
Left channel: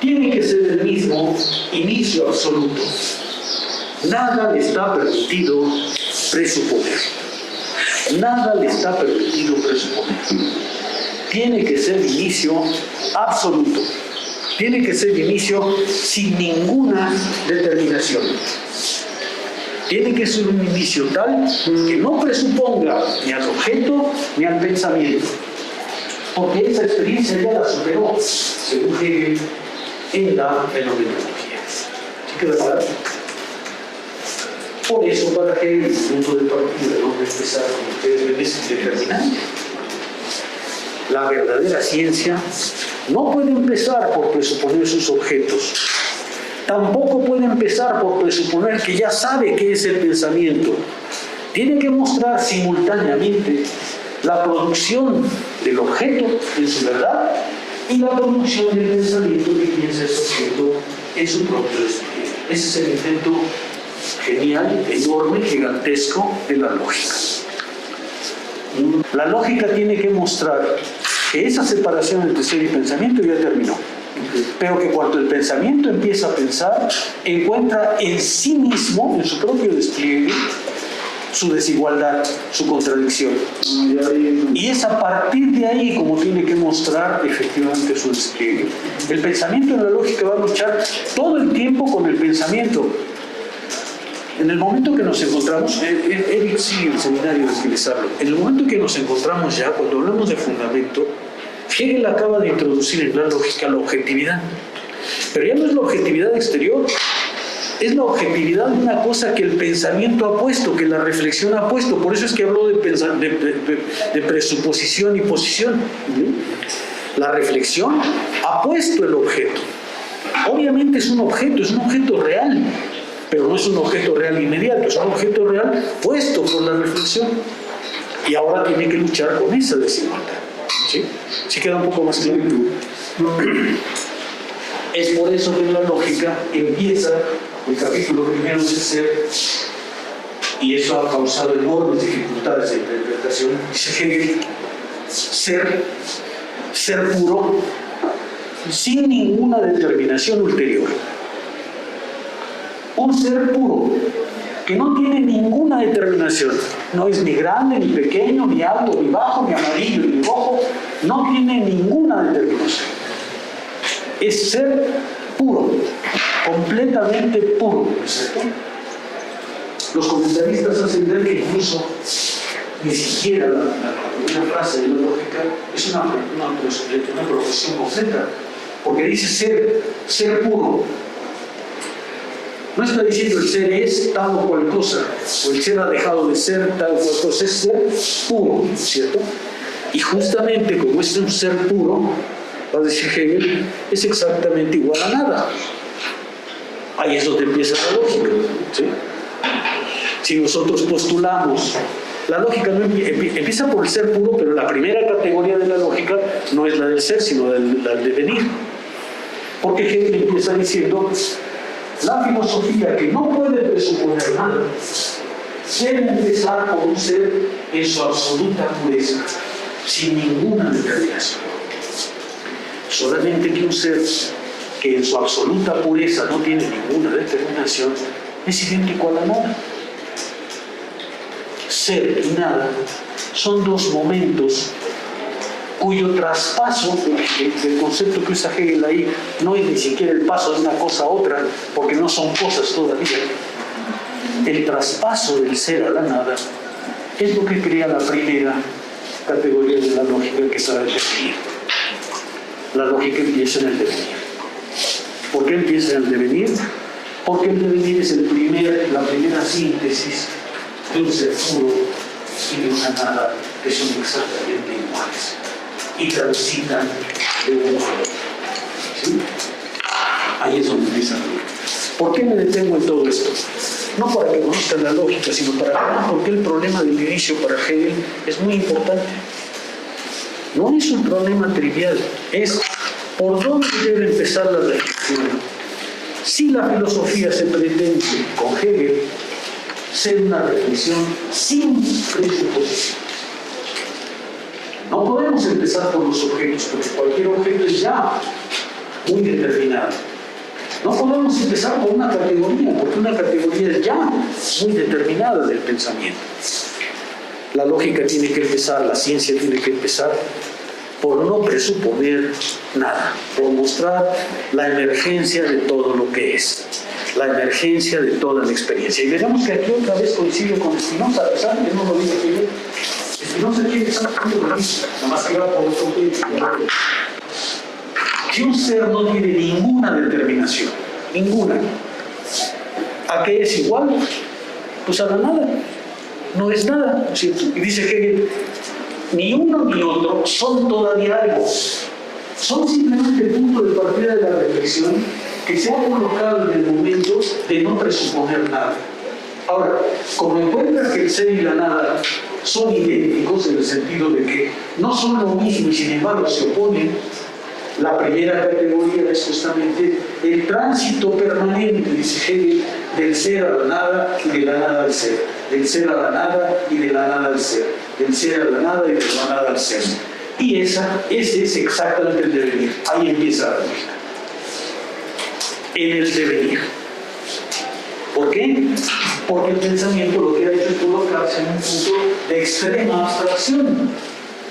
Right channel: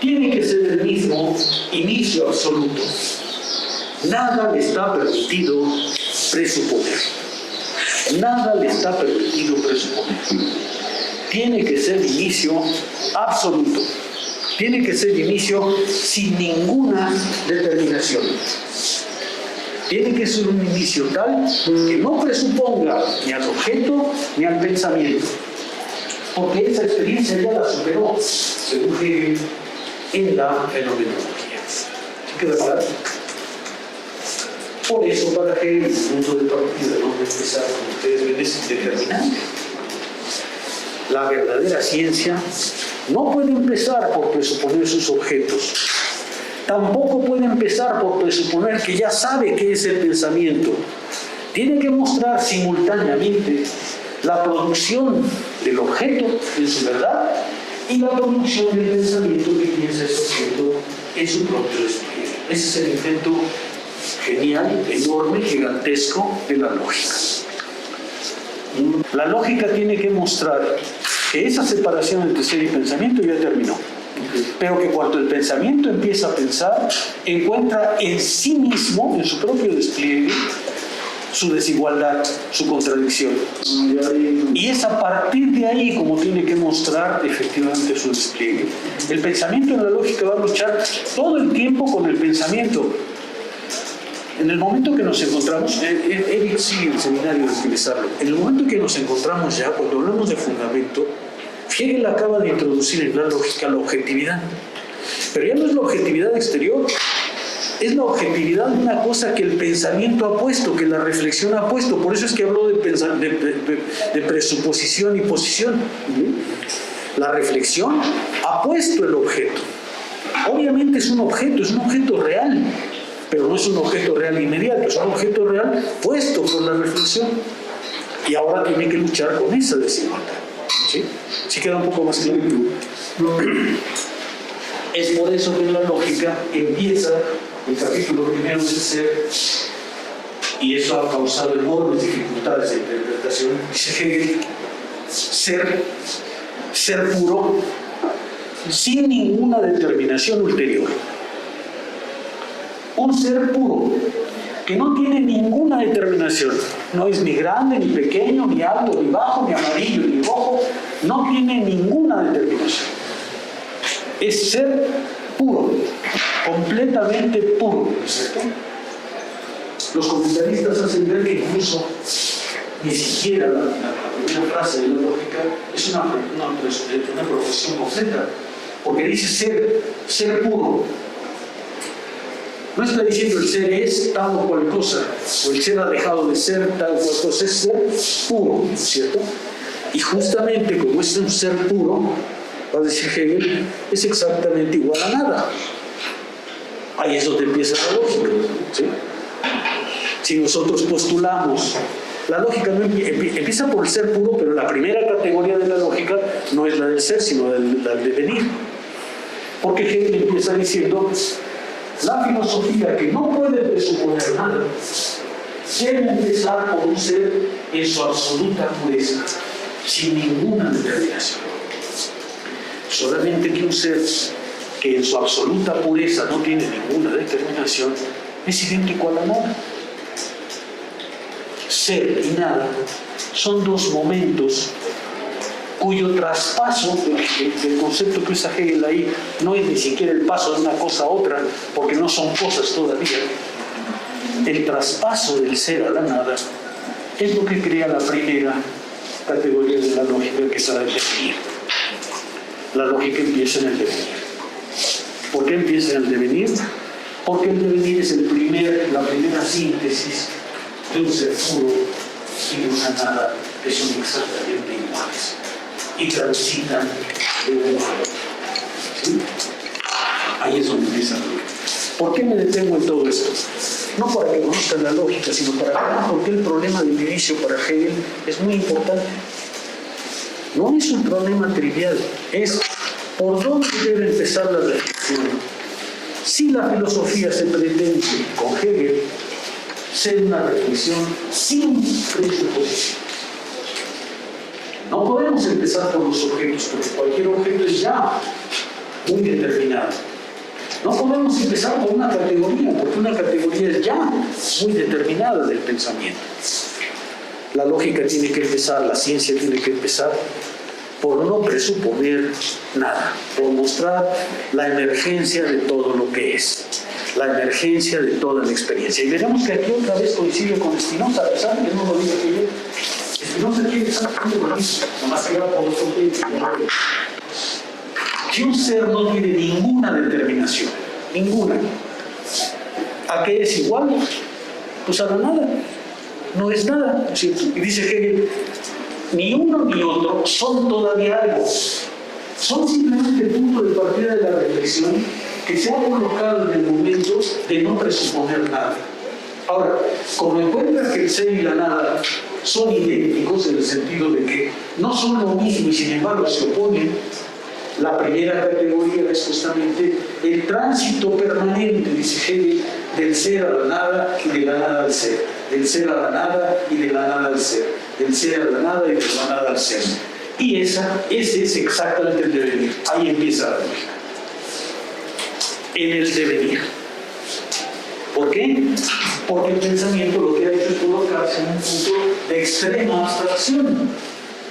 tiene que ser el mismo inicio absoluto. Nada le está permitido presuponer. Nada le está permitido presuponer. Tiene que ser inicio absoluto. Tiene que ser inicio sin ninguna determinación. Tiene que ser un inicio tal que no presuponga ni al objeto ni al pensamiento. Porque esa experiencia ya la superó, según Hegel, en la fenomenología. ¿Sí queda claro? Por eso, para Hegel, el punto de partida de donde empezar con ustedes ven es determinante. La verdadera ciencia no puede empezar por presuponer sus objetos. Tampoco puede empezar por presuponer que ya sabe qué es el pensamiento. Tiene que mostrar simultáneamente la producción del objeto en su verdad y la producción del pensamiento que piensa ese objeto en su propio despliegue. Ese es el intento genial, enorme, gigantesco de la lógica. La lógica tiene que mostrar que esa separación entre ser y pensamiento ya terminó, pero que cuando el pensamiento empieza a pensar, encuentra en sí mismo, en su propio despliegue, su desigualdad, su contradicción. Y es a partir de ahí como tiene que mostrar efectivamente su despliegue. El pensamiento en la lógica va a luchar todo el tiempo con el pensamiento. En el momento que nos encontramos, Eric sigue el seminario de utilizarlo, en el momento que nos encontramos ya, cuando hablamos de fundamento, Hegel acaba de introducir en la lógica la objetividad. Pero ya no es la objetividad exterior, es la objetividad de una cosa que el pensamiento ha puesto, que la reflexión ha puesto. Por eso es que habló de presuposición y posición. La reflexión ha puesto el objeto. Obviamente es un objeto real, pero no es un objeto real inmediato, es un objeto real puesto por la reflexión. Y ahora tiene que luchar con esa desigualdad. ¿Sí? ¿Sí queda un poco más claro? Es por eso que en la lógica empieza el capítulo primero de ser, y eso ha causado enormes dificultades de interpretación. Dice Hegel, ser puro, sin ninguna determinación ulterior. Un ser puro, que no tiene ninguna determinación, no es ni grande, ni pequeño, ni alto, ni bajo, ni amarillo, ni rojo, no tiene ninguna determinación. Es ser puro, completamente puro. Los comentaristas hacen ver que incluso ni siquiera la primera frase de la lógica es una profesión completa, porque dice ser puro. No está diciendo el ser es tal o cual cosa, o el ser ha dejado de ser tal o cual cosa, es ser puro, ¿cierto? Y justamente como es un ser puro, va a decir Hegel, es exactamente igual a nada. Ahí es donde empieza la lógica, ¿sí? Si nosotros postulamos, la lógica no empieza por el ser puro, pero la primera categoría de la lógica no es la del ser, sino la del devenir. Porque Hegel empieza diciendo, la filosofía que no puede presuponer nada debe empezar por un ser en su absoluta pureza, sin ninguna determinación. Solamente que un ser que en su absoluta pureza no tiene ninguna determinación, es idéntico a la nada. Ser y nada son dos momentos cuyo traspaso del concepto que usa Hegel ahí no es ni siquiera el paso de una cosa a otra, porque no son cosas todavía. El traspaso del ser a la nada es lo que crea la primera categoría de la lógica, que es la del devenir. La lógica empieza en el devenir. ¿Por qué empieza en el devenir? Porque el devenir es la primera síntesis de un ser puro y de una nada que son exactamente iguales y transitan de uno a otro. ¿Sí? Ahí es donde empieza la lógica. ¿Por qué me detengo en todo esto? No para que conozcan la lógica, sino para ver por qué el problema del inicio para Hegel es muy importante. No es un problema trivial, es por dónde debe empezar la reflexión. Si la filosofía se pretende con Hegel ser una reflexión sin presuposición. No podemos empezar por los objetos, porque cualquier objeto es ya muy determinado. No podemos empezar por una categoría, porque una categoría es ya muy determinada del pensamiento. La lógica tiene que empezar, la ciencia tiene que empezar por no presuponer nada, por mostrar la emergencia de todo lo que es, la emergencia de toda la experiencia. Y veremos que aquí otra vez coincide con Spinoza, a pesar de que no lo diga que yo. Spinoza tiene exactamente lo mismo, nomás que va por otro punto. Si un ser no tiene ninguna determinación, ninguna, ¿a qué es igual? Pues a la nada. No es nada, ¿cierto? Y dice Hegel, ni uno ni otro son todavía algo. Son simplemente el punto de partida de la reflexión que se ha colocado en el momento de no presuponer nada. Ahora, como encuentra que el ser y la nada son idénticos en el sentido de que no son lo mismo y sin embargo se oponen, la primera categoría es justamente el tránsito permanente, dice Hegel, del ser a la nada y de la nada al ser, del ser a la nada y de la nada al ser, del ser a la nada y de la nada al ser. Y ese es exactamente el devenir. Ahí empieza la lógica. En el devenir. ¿Por qué? Porque el pensamiento lo que ha hecho es colocarse en un punto de extrema abstracción.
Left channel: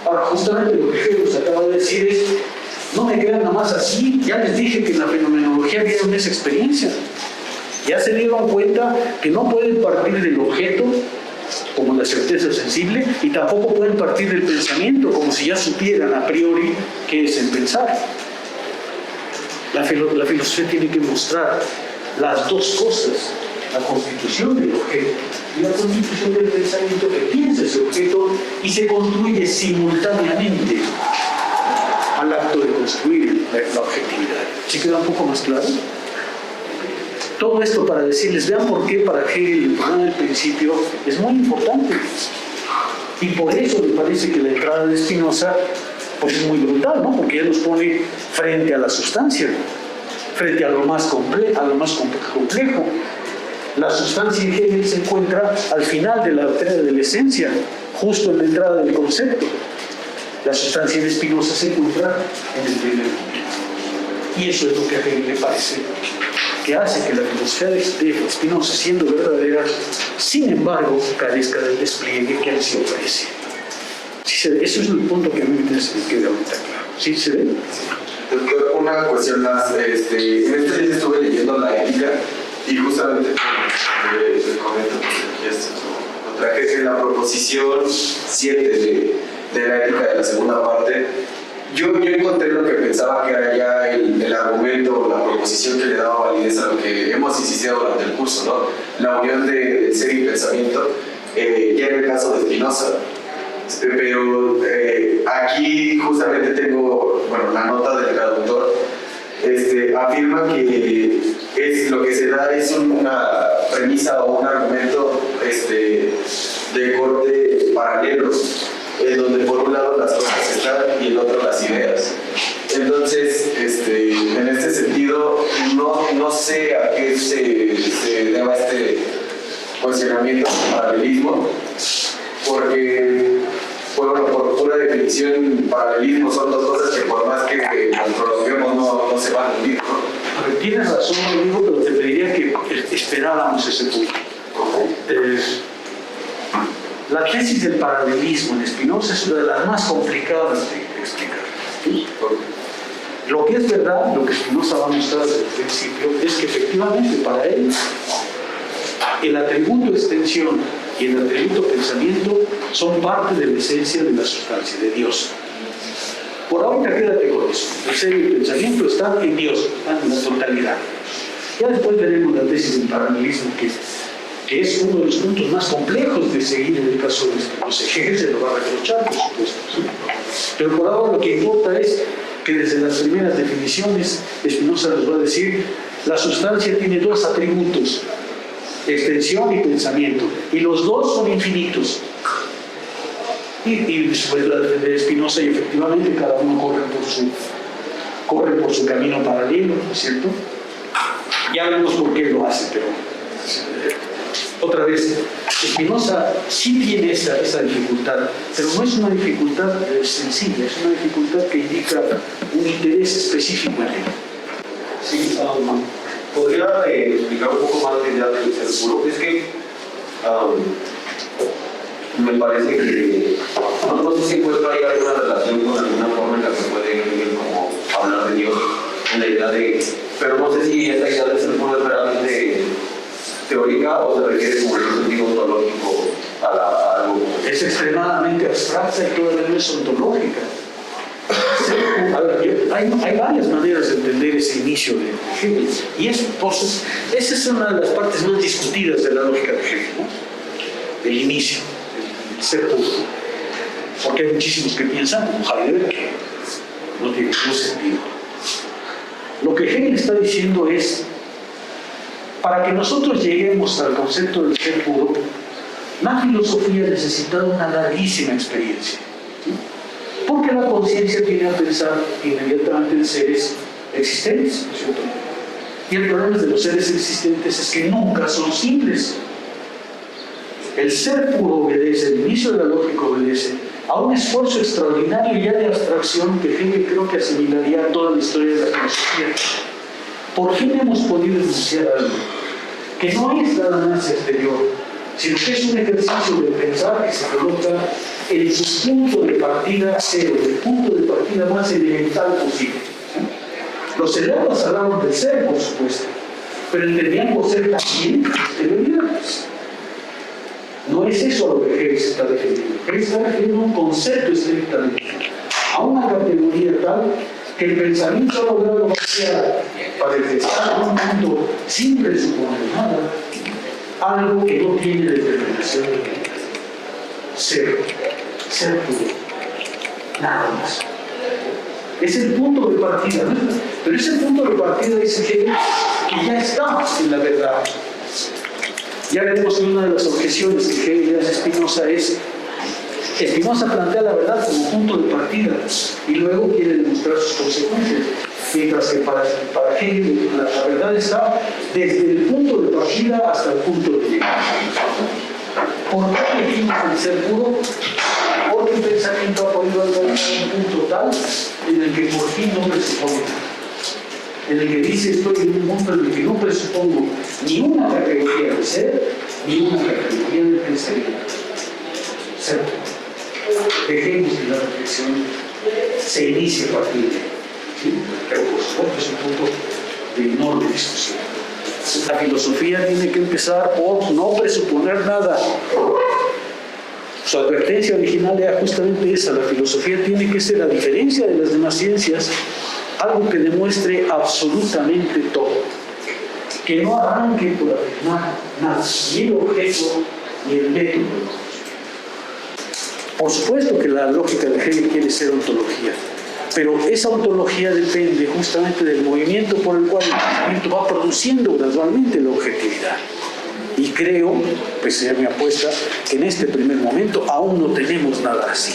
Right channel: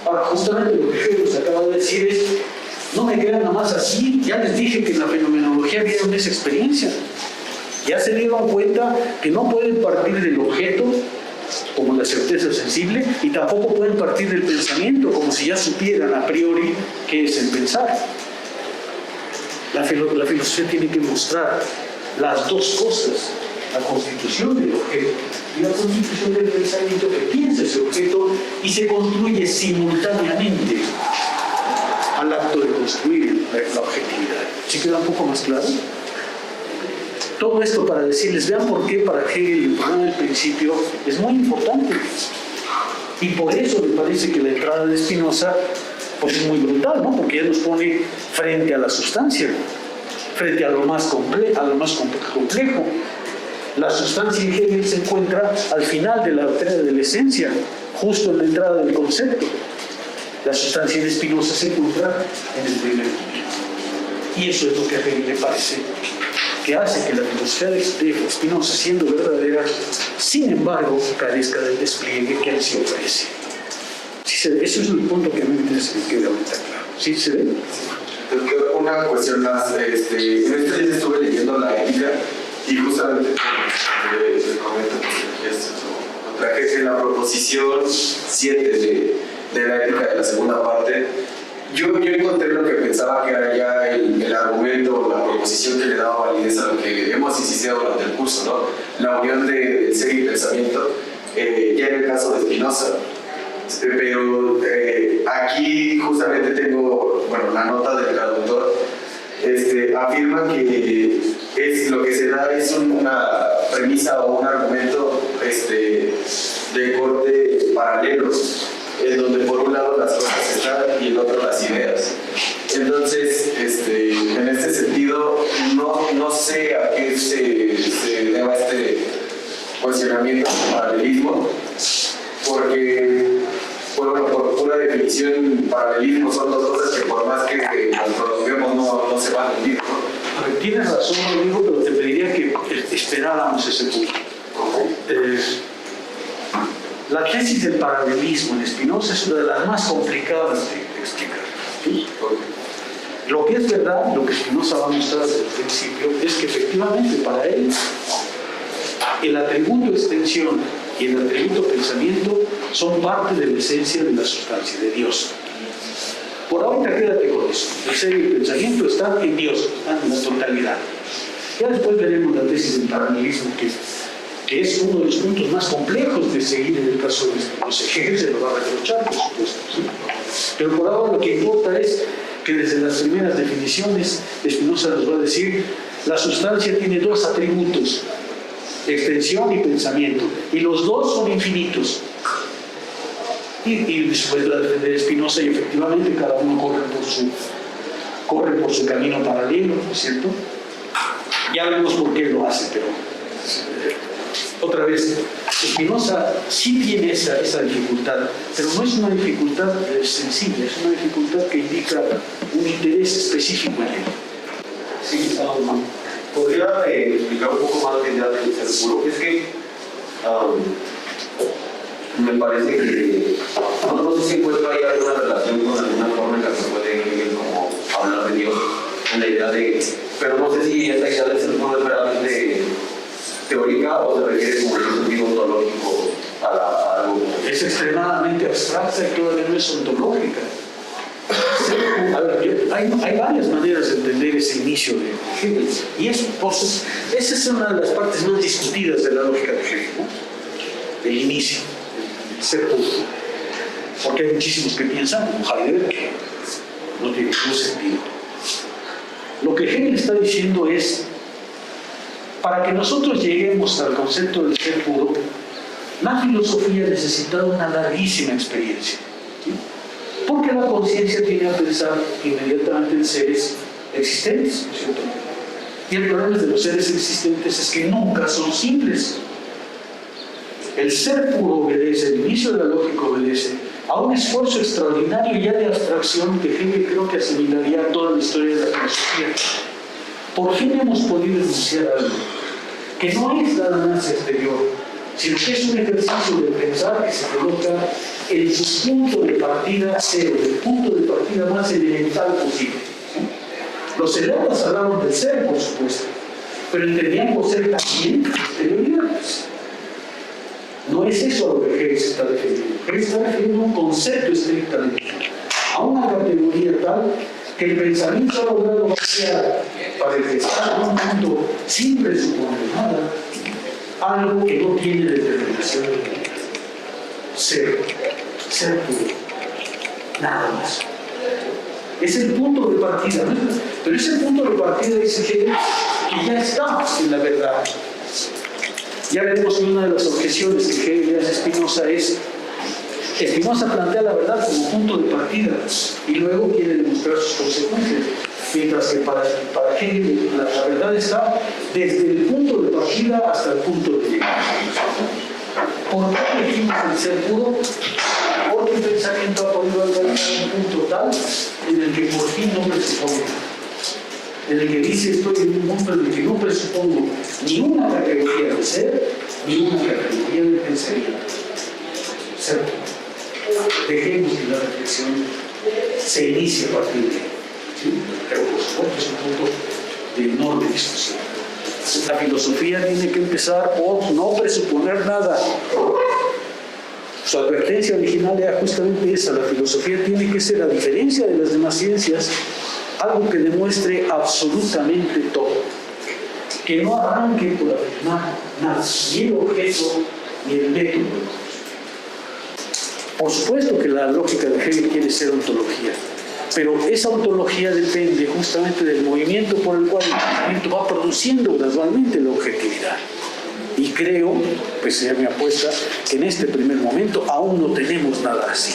Ahora, justamente lo que Hegel nos acaba de decir es: no me crean nada más así, ya les dije que en la fenomenología vieron esa experiencia. Ya se dieron cuenta que no pueden partir del objeto como la certeza sensible y tampoco pueden partir del pensamiento como si ya supieran a priori qué es el pensar. La filosofía tiene que mostrar las dos cosas, la constitución del objeto y la constitución del pensamiento que piensa ese objeto y se construye simultáneamente al acto de construir la objetividad. ¿Sí queda un poco más claro? Todo esto para decirles, vean por qué para Hegel el problema del principio es muy importante. Y por eso me parece que la entrada de Spinoza pues es muy brutal, ¿no? Porque él nos pone frente a la sustancia, frente a lo más complejo. La sustancia en Hegel se encuentra al final de la doctrina de la esencia, justo en la entrada del concepto. La sustancia en Spinoza se encuentra en el primer momento. Y eso es lo que a Hegel le parece que hace que la filosofía de Spinoza, siendo verdadera, sin embargo, carezca del despliegue que él sí ofrece. ¿Sí se ve? Eso es el punto que a mí me queda ahorita claro. ¿Sí se ve? Doctor, una cuestión más. En este día estuve leyendo la ética y justamente les comento que esto lo traje en la proposición 7 de la ética de la segunda parte. Yo encontré lo que pensaba que era ya el argumento, la proposición que le daba validez a lo que hemos insistido durante el curso, ¿no? La unión del ser y pensamiento, ya en el caso de Spinoza. Pero aquí justamente tengo, bueno, la nota del traductor, afirma que es lo que se da es una premisa o un argumento de corte paralelo, en donde por un lado las cosas están y el otro las ideas. Entonces, en este sentido, no sé a qué se deba este cuestionamiento de paralelismo, porque, bueno, por pura definición, paralelismo son dos cosas que por más que nos prolonguemos no se van a unir, ¿no? tienes razón, amigo, pero te pediría que esperáramos ese punto. La tesis del paralelismo en Spinoza es una de las más complicadas de explicar. ¿Sí? Lo que es verdad, lo que Spinoza va a mostrar desde el principio, es que efectivamente para él el atributo extensión y el atributo pensamiento son parte de la esencia de la sustancia, de Dios. Por ahorita quédate con eso. El ser y el pensamiento están en Dios, están en la totalidad. Ya después veremos la tesis del paralelismo, que es uno de los puntos más complejos de seguir en el caso de Spinoza. Hegel se lo va a reprochar, por supuesto. ¿Sí? Pero por ahora lo que importa es que desde las primeras definiciones Spinoza nos va a decir la sustancia tiene dos atributos, extensión y pensamiento, y los dos son infinitos. Y después la de Spinoza, y efectivamente cada uno corre por su camino paralelo, ¿no es cierto? Ya vemos por qué lo hace, pero otra vez, Spinoza sí tiene esa dificultad, pero no es una dificultad sensible, es una dificultad que indica un interés específico en él. Sí, ¿Podría explicar un poco más la idea del ser puro? Es que me parece que no sé si puede haber alguna relación con alguna forma en la que se puede como hablar de Dios, en la idea de, pero no sé si esta idea del ser puro es realmente teórica o se requiere como un sentido ontológico a algo. Es extremadamente abstracta y todavía no es ontológica. A ver, hay varias maneras de entender ese inicio de Hegel, y esa es una de las partes más discutidas de la lógica de Hegel, ¿no? El inicio, el ser puro. Porque hay muchísimos que piensan, como Heidegger, que no tiene ningún sentido. Lo que Hegel está diciendo es, para que nosotros lleguemos al concepto del ser puro, la filosofía ha necesitado una larguísima experiencia. ¿Sí? Porque la conciencia tiene a pensar inmediatamente en seres existentes, ¿no es cierto? Y el problema de los seres existentes es que nunca son simples. El ser puro obedece, el inicio de la lógica obedece a un esfuerzo extraordinario ya de abstracción que Hegel creo que asimilaría toda la historia de la filosofía. Por fin hemos podido enunciar algo que no es nada más exterior, sino que es un ejercicio de pensar que se coloca en su punto de partida cero, el punto de partida más elemental posible. ¿Sí? Los elotas hablaban del ser, por supuesto, pero entendían por ser también exterioridades. No es eso a lo que Hegel se está refiriendo. Hegel está refiriendo a un concepto estrictamente, a una categoría tal que el pensamiento ha logrado vaciar para estar en un punto sin presuponer nada, algo que no tiene determinación ninguna. Ser puro, nada más. Es el punto de partida, ¿no? Pero ese punto de partida dice Hegel que ya está en la verdad. Ya veremos que una de las objeciones que Hegel le hace a Spinoza es Spinoza plantea la verdad como punto de partida y luego quiere demostrar sus consecuencias, mientras que para Hegel la verdad está desde el punto de partida hasta el punto de llegada. ¿Por qué elegimos el ser puro? Porque el pensamiento ha podido alcanzar un punto tal en el que por fin no presupone nada, en el que dice estoy en un mundo en el que no presupongo ni una categoría de ser ni una categoría de pensamiento. Ser puro. Dejemos que la reflexión se inicie a partir de ahí. ¿Sí? Pero por supuesto es un punto de enorme discusión. La filosofía tiene que empezar por no presuponer nada. Su advertencia original era justamente esa: la filosofía tiene que ser, a diferencia de las demás ciencias, algo que demuestre absolutamente todo, que no arranque por afirmar nada, ni el objeto ni el método. Por supuesto que la lógica de Hegel quiere ser ontología, pero esa ontología depende justamente del movimiento por el cual el pensamiento va produciendo gradualmente la objetividad. Y creo, pues sería mi apuesta, que en este primer momento aún no tenemos nada así.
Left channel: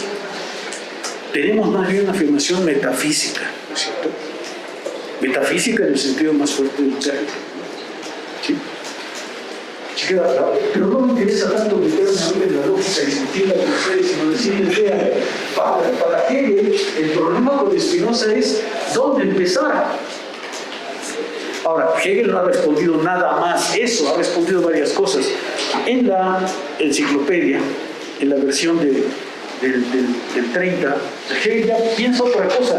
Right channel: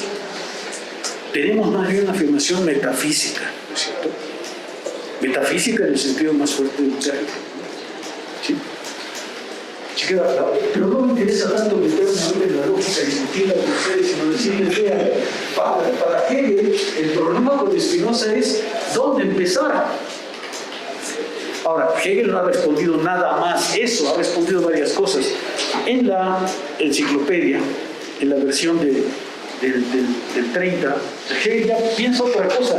Tenemos más bien una afirmación metafísica, ¿no es cierto? Metafísica en el sentido más fuerte del término. ¿Sí? Pero no me interesa tanto meterme en la lógica discutida con ustedes, sino decirles, vean, para Hegel el problema con Spinoza es dónde empezar. Ahora, Hegel no ha respondido nada más eso, ha respondido varias cosas. En la enciclopedia, en la versión del 30, Hegel ya piensa otra cosa.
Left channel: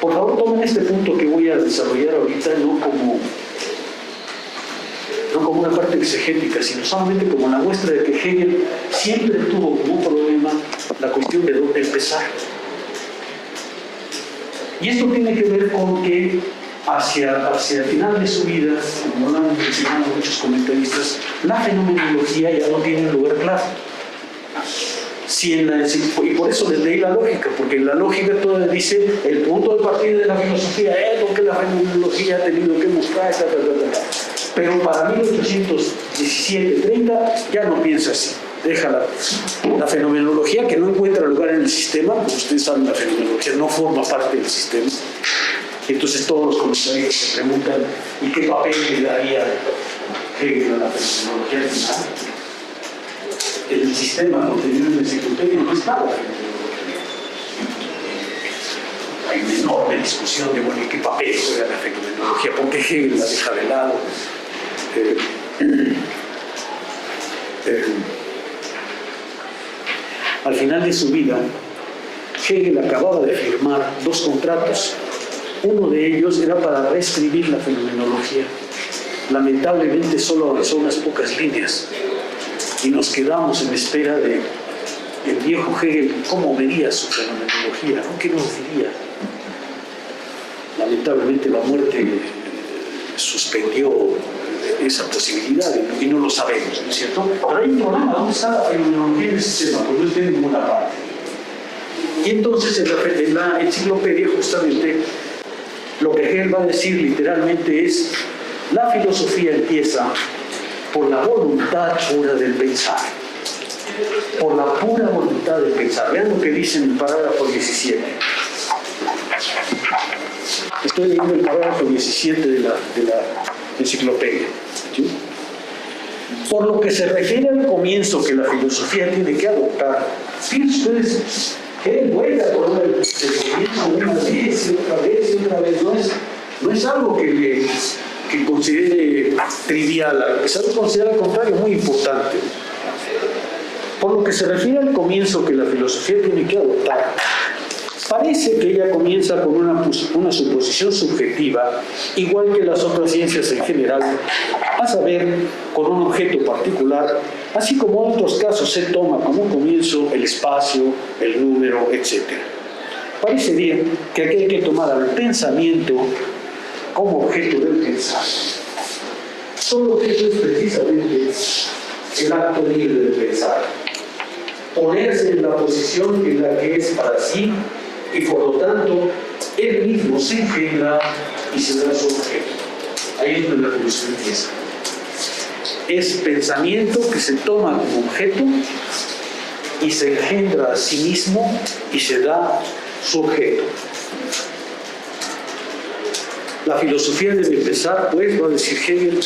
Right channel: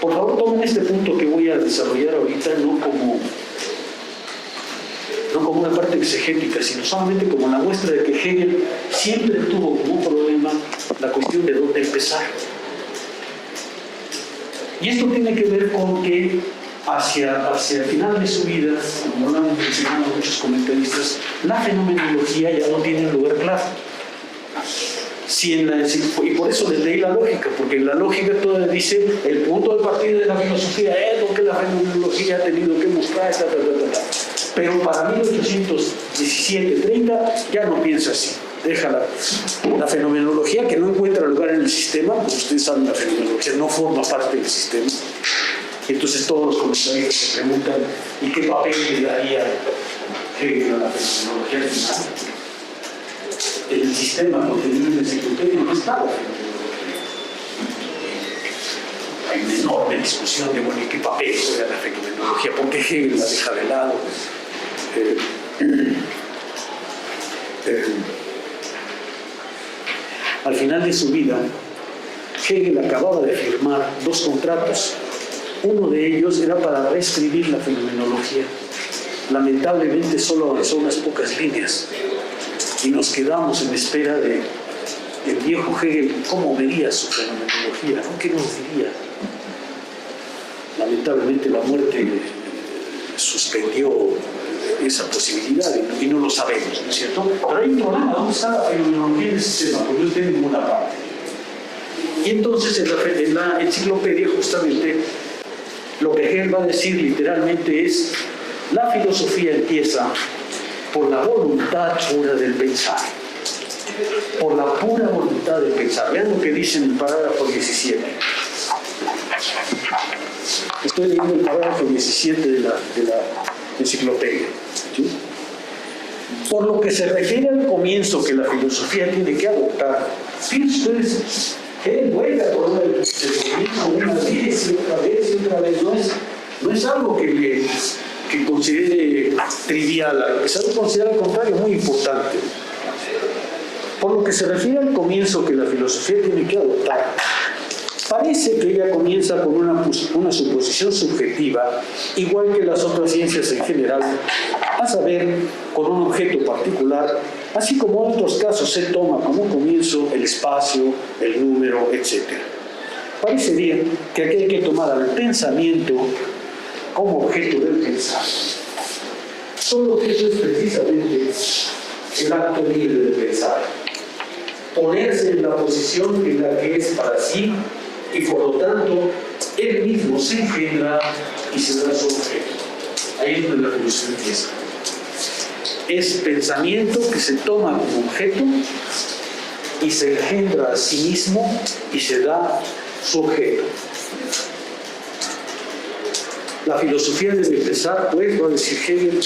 Por favor, tomen este punto que voy a desarrollar ahorita, no como una parte exegética, sino solamente como la muestra de que Hegel siempre tuvo como un problema la cuestión de dónde empezar. Y esto tiene que ver con que hacia el final de su vida, como lo han mencionado muchos comentaristas, la fenomenología ya no tiene un lugar claro. Y por eso les leí la lógica, porque en la lógica todo dice el punto de partida de la filosofía es lo que la fenomenología ha tenido que mostrar, pero para 1817-30 ya no piensa así. Deja la fenomenología que no encuentra lugar en el sistema, como ustedes saben, la fenomenología no forma parte del sistema. Entonces todos los comentaristas se preguntan ¿y qué papel le daría Hegel a la fenomenología final? En el sistema contenido en la enciclopedia no está la fenomenología. Hay una enorme discusión de bueno, ¿y qué papel juega la fenomenología? ¿Por qué Hegel la deja de lado? Al final de su vida, Hegel acababa de firmar 2 contratos. Uno de ellos era para reescribir la fenomenología. Lamentablemente solo avanzó unas pocas líneas y nos quedamos en espera de el viejo Hegel, cómo vería su fenomenología, ¿no? ¿Qué nos diría? Lamentablemente la muerte suspendió esa posibilidad y no lo sabemos, ¿no es cierto? Pero hay un problema, ¿dónde está la fenomenología en el sistema? Porque no está en ninguna parte. Y entonces en la enciclopedia justamente lo que Hegel va a decir literalmente es la filosofía empieza por la voluntad pura del pensar. Por la pura voluntad del pensar. Vean lo que dice en el parágrafo 17. Estoy leyendo el parágrafo 17 de la enciclopedia. ¿Sí? Por lo que se refiere al comienzo que la filosofía tiene que adoptar, fíjense ustedes, Hegel vuelve por el comienzo una vez y otra vez y otra vez. No es algo que considere trivial, a pesar de considerar al contrario muy importante. Por lo que se refiere al comienzo que la filosofía tiene que adoptar, parece que ella comienza con una suposición subjetiva, igual que las otras ciencias en general, a saber, con un objeto particular, así como en otros casos se toma como comienzo el espacio, el número, etc. Parece bien que aquí hay que tomar al pensamiento como objeto del pensar. Todo eso es precisamente el acto libre de pensar. Ponerse en la posición en la que es para sí y por lo tanto él mismo se engendra y se da su objeto. Ahí es donde la filosofía empieza. Es pensamiento que se toma como objeto y se engendra a sí mismo y se da su objeto. La filosofía debe empezar, pues, va a decir Hegel,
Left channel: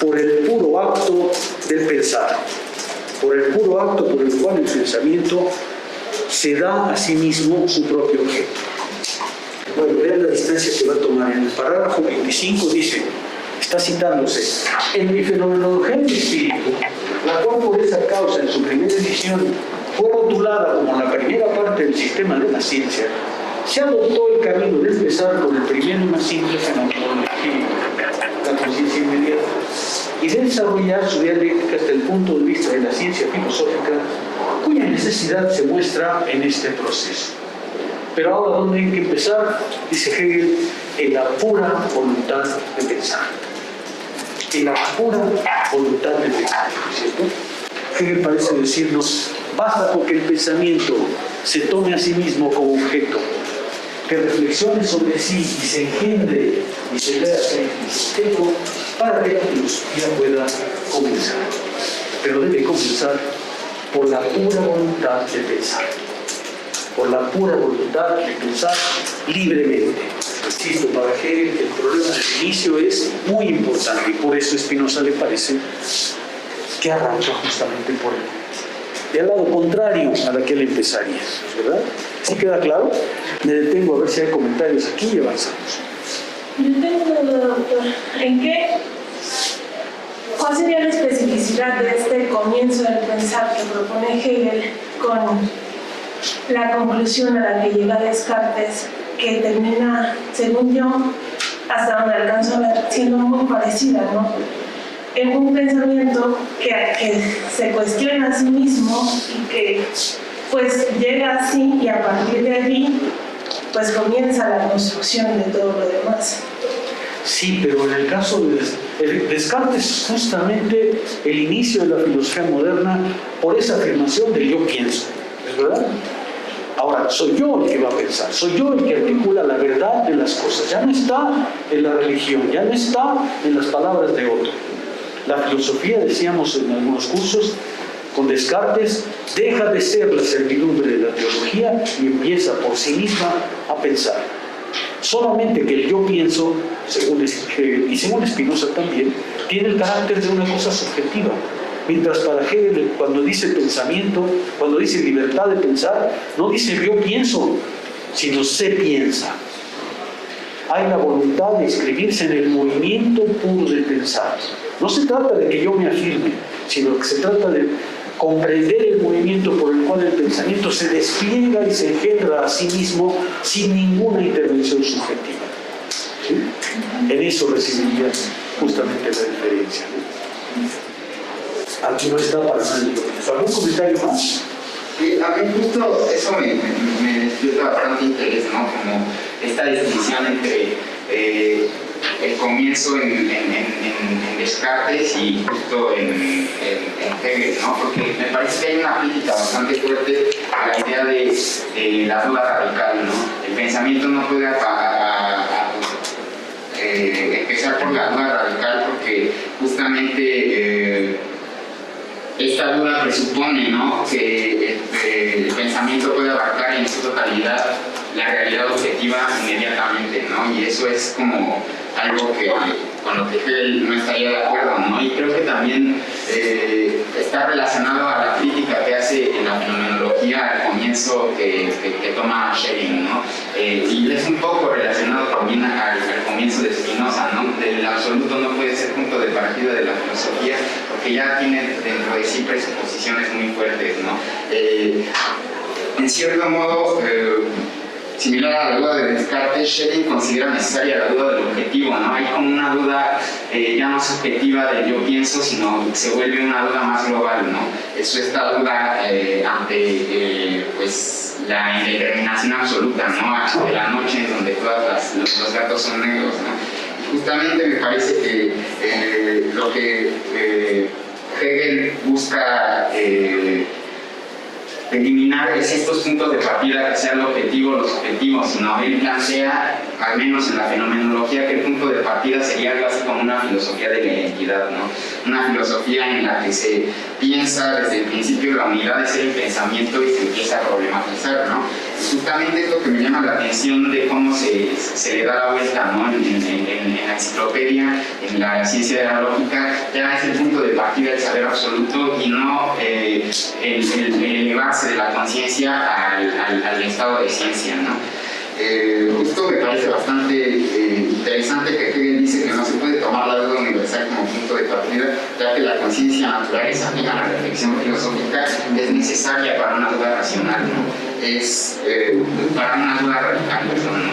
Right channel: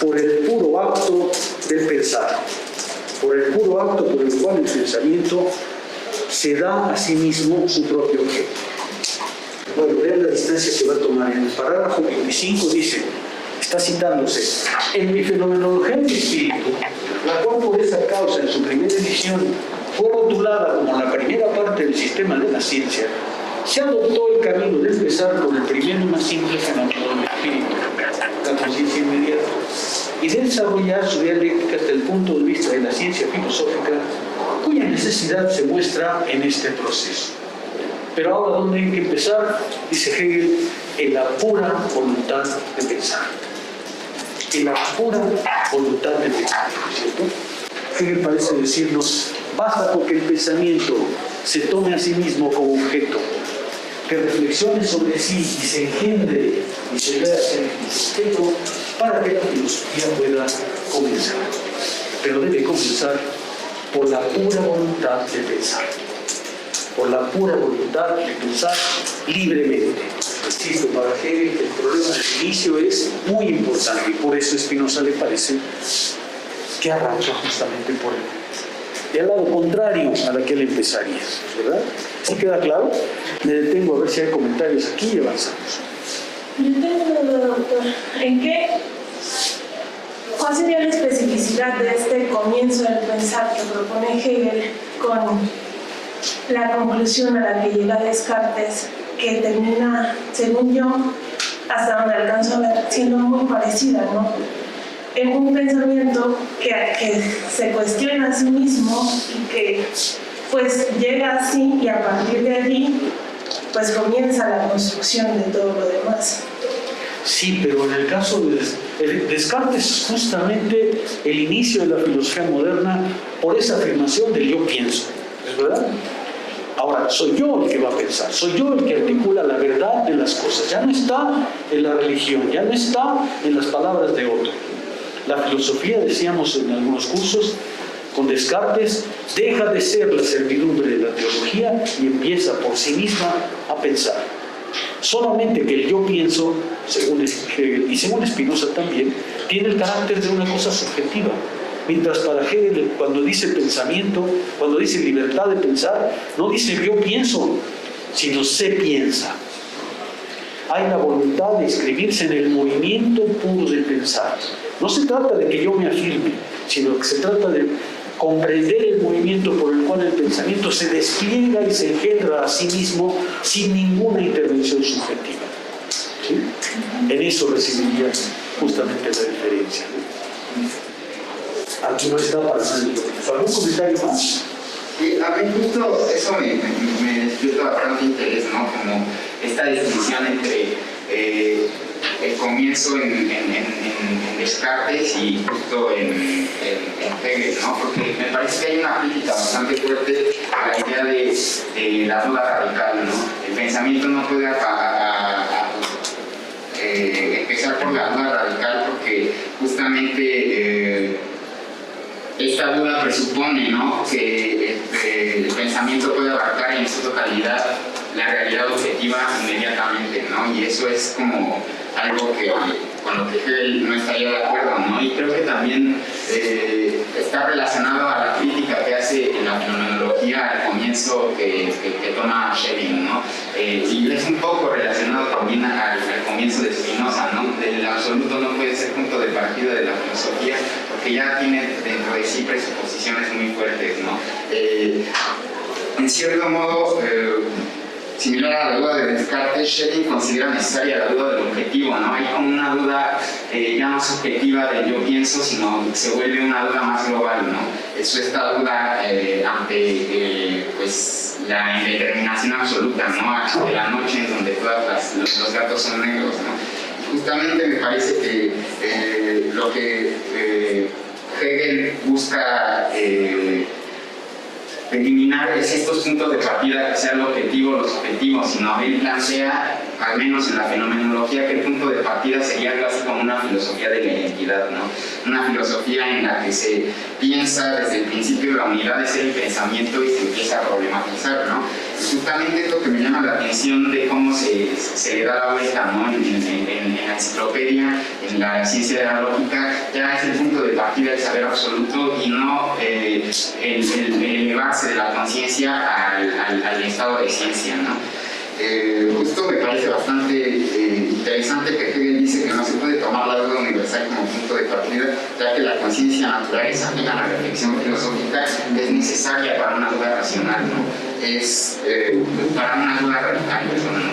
por el puro acto del pensar, por el puro acto por el cual el pensamiento se da a sí mismo su propio objeto. Bueno, vean la distancia que va a tomar. En el parágrafo 25 dice, está citándose, en mi fenomenología del espíritu, la cual por esa causa en su primera edición fue rotulada como la primera parte del sistema de la ciencia, se adoptó el camino de empezar por el primero y más simple fenómeno del espíritu, la conciencia inmediata, y de desarrollar su dialéctica hasta el punto de vista de la ciencia filosófica, cuya necesidad se muestra en este proceso. Pero ahora, ¿dónde hay que empezar? Dice Hegel, en la pura voluntad de pensar. En la pura voluntad de pensar, ¿cierto? Hegel parece decirnos, basta porque el pensamiento se tome a sí mismo como objeto, que reflexione sobre sí y se engendre y se vea ser objeto para que la filosofía pueda comenzar. Pero debe comenzar por la pura voluntad de pensar. Por la pura voluntad de pensar libremente. Insisto, para Hegel el problema del inicio es muy importante y por eso Spinoza le parece que arranca justamente por el lado contrario a la que él empezaría, ¿verdad? ¿Sí queda claro? Me detengo a ver si hay comentarios aquí y avanzamos. Yo tengo una duda, doctor. ¿Cuál sería la especificidad de este comienzo del pensar que propone Hegel con la conclusión a la que llega Descartes, que termina, según yo, hasta donde alcanzo a ver, siendo muy parecida, ¿no? En un pensamiento que se cuestiona a sí mismo y que pues llega así, y a partir de allí pues comienza la construcción de todo lo demás. Sí, pero en el caso de Descartes es justamente el inicio de la filosofía moderna por esa afirmación del yo pienso, ¿es verdad? Ahora, soy yo el que va a pensar, soy yo el que articula la verdad de las cosas, ya no está en la religión, ya no está en las palabras de otro. La filosofía, decíamos en algunos cursos, con Descartes, deja de ser la servidumbre de la teología y empieza por sí misma a pensar. Solamente que el yo pienso, según Hegel y según Spinoza también, tiene el carácter de una cosa subjetiva. Mientras para Hegel, cuando dice pensamiento, cuando dice libertad de pensar, no dice yo pienso, sino se piensa. Hay la voluntad de inscribirse en el movimiento puro de pensar. No se trata de que yo me afirme, sino que se trata de comprender el movimiento por el cual el pensamiento se despliega y se engendra a sí mismo sin ninguna intervención subjetiva. ¿Sí? En eso recibiría justamente la diferencia, ¿no? Aquí no está para nadie. ¿Algún comentario más? Sí, a mí justo eso me despierta bastante interés, ¿no? Como esta distinción entre el comienzo en Descartes y justo en Hegel, ¿no? Porque me parece que hay una crítica bastante fuerte a la idea de la duda radical, ¿no? El pensamiento no puede empezar por la duda radical porque justamente esta duda presupone, ¿no? Que el pensamiento puede abarcar en su totalidad la realidad objetiva inmediatamente, ¿no? Y eso es como algo con lo que Hegel no estaría de acuerdo, ¿no? Y creo que también está relacionado a la crítica que hace en la fenomenología al comienzo que toma Schelling, ¿no? Y es un poco relacionado también al comienzo de Spinoza, ¿no? El absoluto no puede ser punto de partida de la filosofía porque ya tiene dentro de sí presuposiciones muy fuertes, ¿no? En cierto modo, similar a la duda de Descartes, Schelling considera necesaria la duda del objetivo, ¿no? Hay como una duda ya no subjetiva del yo pienso, sino se vuelve una duda más global, ¿no? Es esta duda ante pues, la indeterminación absoluta, ¿no? De la noche en donde todos los gatos son negros, ¿no? Y justamente me parece que lo que Hegel busca eliminar es estos puntos de partida que sean los objetivos, sino él plantea, al menos en la fenomenología, que el punto de partida sería algo así como una filosofía de la identidad, ¿no? Una filosofía en la que se piensa desde el principio la unidad de ser el pensamiento y se empieza a problematizar, ¿no? Y justamente esto que me llama la atención de cómo se le da la vuelta, ¿no? En la enciclopedia, en la ciencia de la lógica, ya es el punto de partida del saber absoluto y no el elevarse de la conciencia al estado de ciencia, ¿no? Esto me parece bastante interesante que Hegel dice que no se puede tomar la duda universal como punto de partida, ya que la conciencia natural es ajena a la reflexión filosófica, es necesaria para una duda racional, ¿no? Es para una duda radical, perdón, ¿no?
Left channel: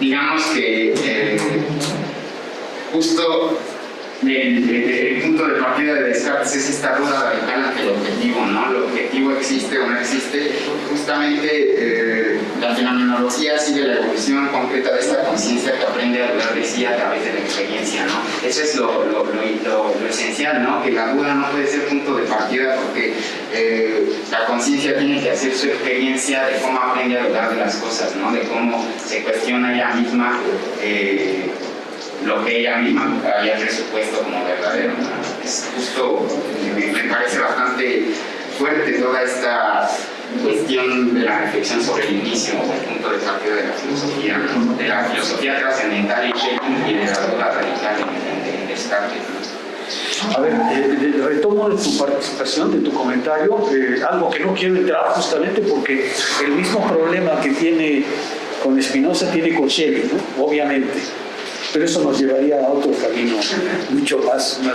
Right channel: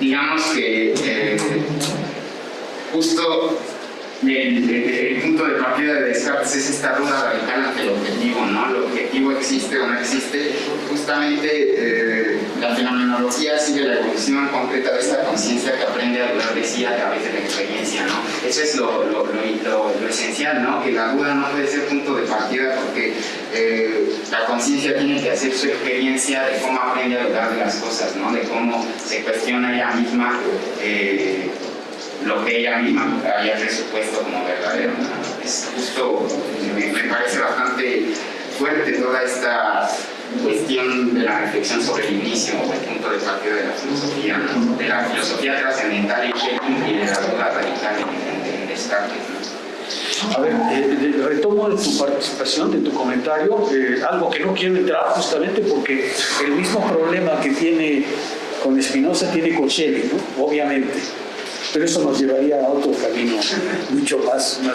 Digamos que justo el punto de partida de Descartes es esta duda radical ante el objetivo, ¿no? ¿El objetivo existe o no existe? Justamente la fenomenología sigue la evolución concreta de esta conciencia que aprende a dudar de sí a través de la experiencia, ¿no? Eso es lo esencial, ¿no? Que la duda no puede ser punto de partida porque la conciencia tiene que hacer su experiencia de cómo aprende a dudar de las cosas, ¿no? De cómo se cuestiona ella misma lo que ella misma había presupuesto como verdadero, ¿no? Es justo, me parece bastante fuerte toda esta cuestión de la reflexión sobre el inicio o el punto de partida de la filosofía, ¿no? De la filosofía trascendental en Schelling y de la duda radical en Descartes, ¿no? A ver, retomo de tu participación, de tu comentario, algo que no quiero entrar justamente porque el mismo problema que tiene con Spinoza tiene con Schelling, ¿no? Obviamente, pero eso nos llevaría a otro camino mucho más amplio,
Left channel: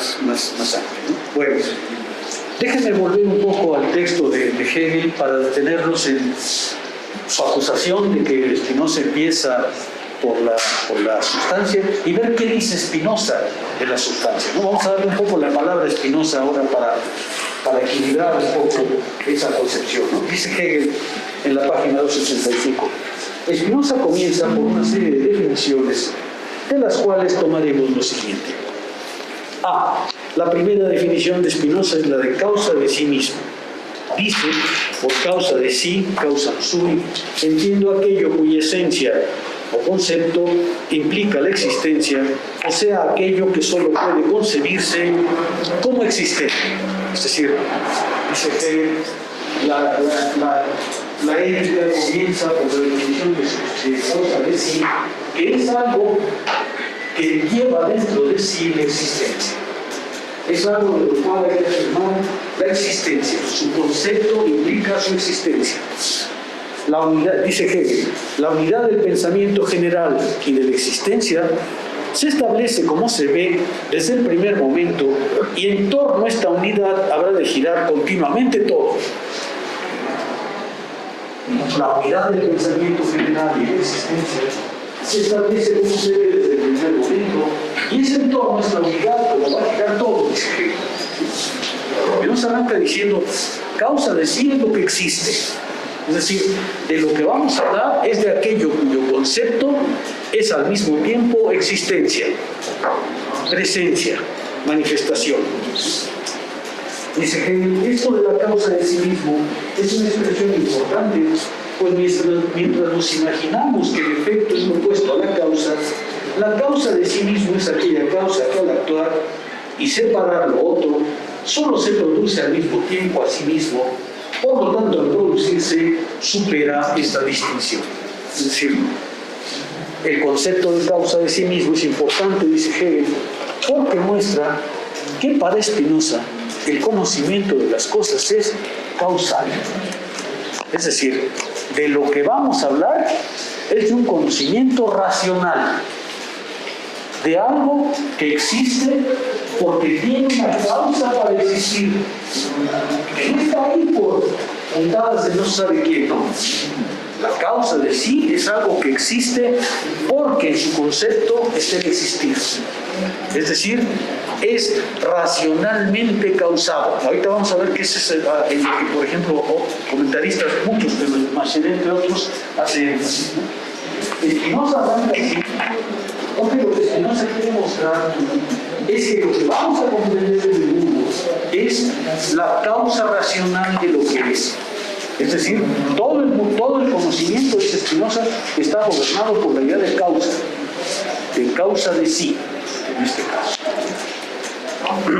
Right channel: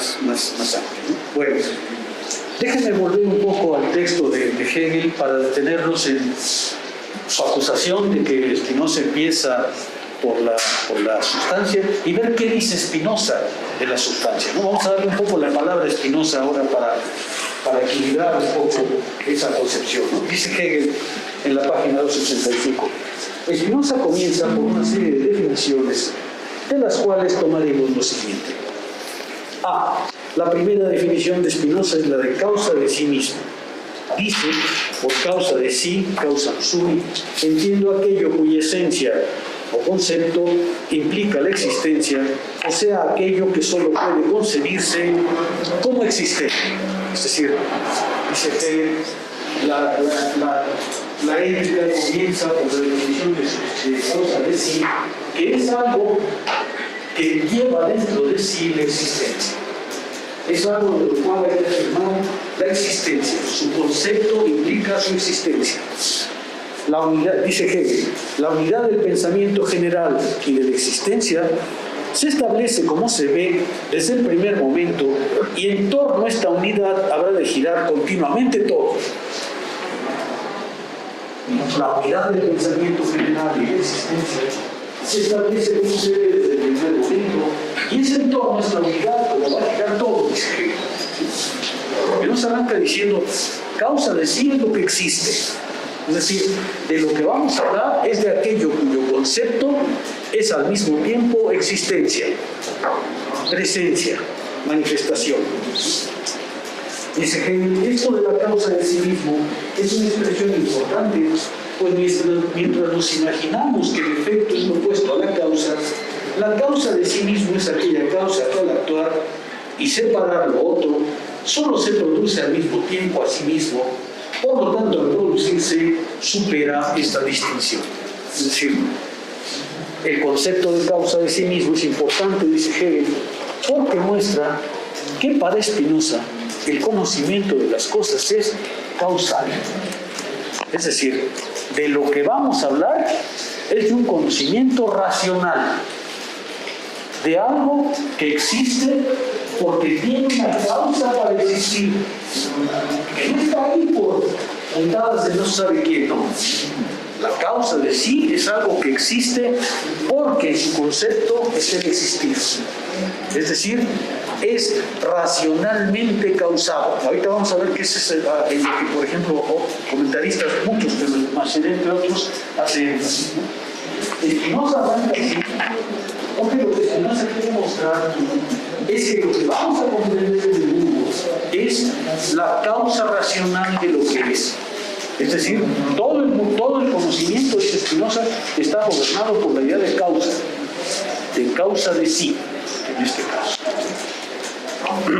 ¿no? Bueno, déjenme volver un poco al texto de Hegel para detenernos en su acusación de que Spinoza empieza por la sustancia y ver qué dice Spinoza de la sustancia, ¿no? Vamos a darle un poco la palabra a Spinoza ahora para equilibrar un poco esa concepción, ¿no? Dice Hegel en la página 265. Spinoza comienza por una serie de definiciones de las cuales tomaremos lo siguiente. La primera definición de Spinoza es la de causa de sí mismo. Dice, por causa de sí, causa sui, entiendo aquello cuya esencia o concepto implica la existencia, o sea, aquello que solo puede concebirse como existente. Es decir, dice que la ética comienza por la definición de causa de sí, que es algo que lleva dentro de sí la existencia. Es algo de lo cual hay que afirmar la existencia. Su concepto implica su existencia. La unidad, dice Hegel, la unidad del pensamiento general y de la existencia se establece como se ve desde el primer momento y en torno a esta unidad habrá de girar continuamente todo. La unidad del pensamiento general y de la existencia se establece como se ve desde el primer momento y es en torno a esta unidad como va a girar todo, dice Hegel. Que no se arranca diciendo causa de sí es lo que existe. Es decir, de lo que vamos a hablar es de aquello cuyo concepto es al mismo tiempo existencia, presencia, manifestación. Dice Hegel, esto de la causa de sí mismo es una expresión importante, pues mientras nos imaginamos que el efecto es lo opuesto a la causa de sí mismo es aquella causa que al actuar y separar lo otro, solo se produce al mismo tiempo a sí mismo. Por lo tanto, al producirse, supera esta distinción. Es decir, el concepto de causa de sí mismo es importante, dice Hegel, porque muestra que para Spinoza el conocimiento de las cosas es causal. Es decir, de lo que vamos a hablar es de un conocimiento racional, de algo que existe porque tiene una causa para existir, que no está ahí por puntadas de no sabe quién, ¿no? La causa de sí es algo que existe porque en su concepto es el existir. Es decir, es racionalmente causado. Ahorita vamos a ver qué es en lo que, por ejemplo, comentaristas, muchos, pero Macher, entre otros, hacen énfasis. Spinoza arranca así, porque lo que Spinoza quiere mostrar es que lo que vamos a comprender del mundo es la causa racional de lo que es. Es decir, todo el conocimiento de Spinoza está gobernado por la idea de causa de sí, en este caso.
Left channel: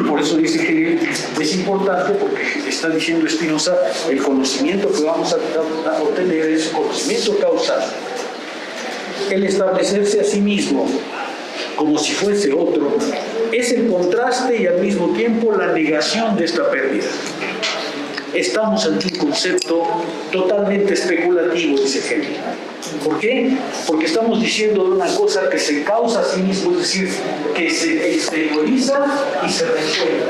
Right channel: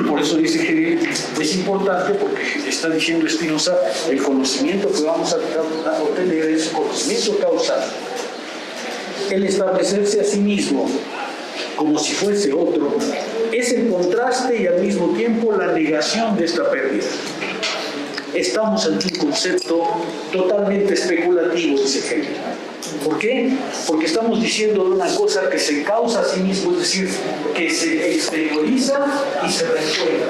Por eso dice Hegel, es importante porque está diciendo Spinoza, el conocimiento que vamos a obtener es conocimiento causal. El establecerse a sí mismo como si fuese otro es el contraste y al mismo tiempo la negación de esta pérdida. Estamos ante un concepto totalmente especulativo, dice Hegel. ¿Por qué? Porque estamos diciendo de una cosa que se causa a sí mismo, es decir, que se exterioriza y se resuelve.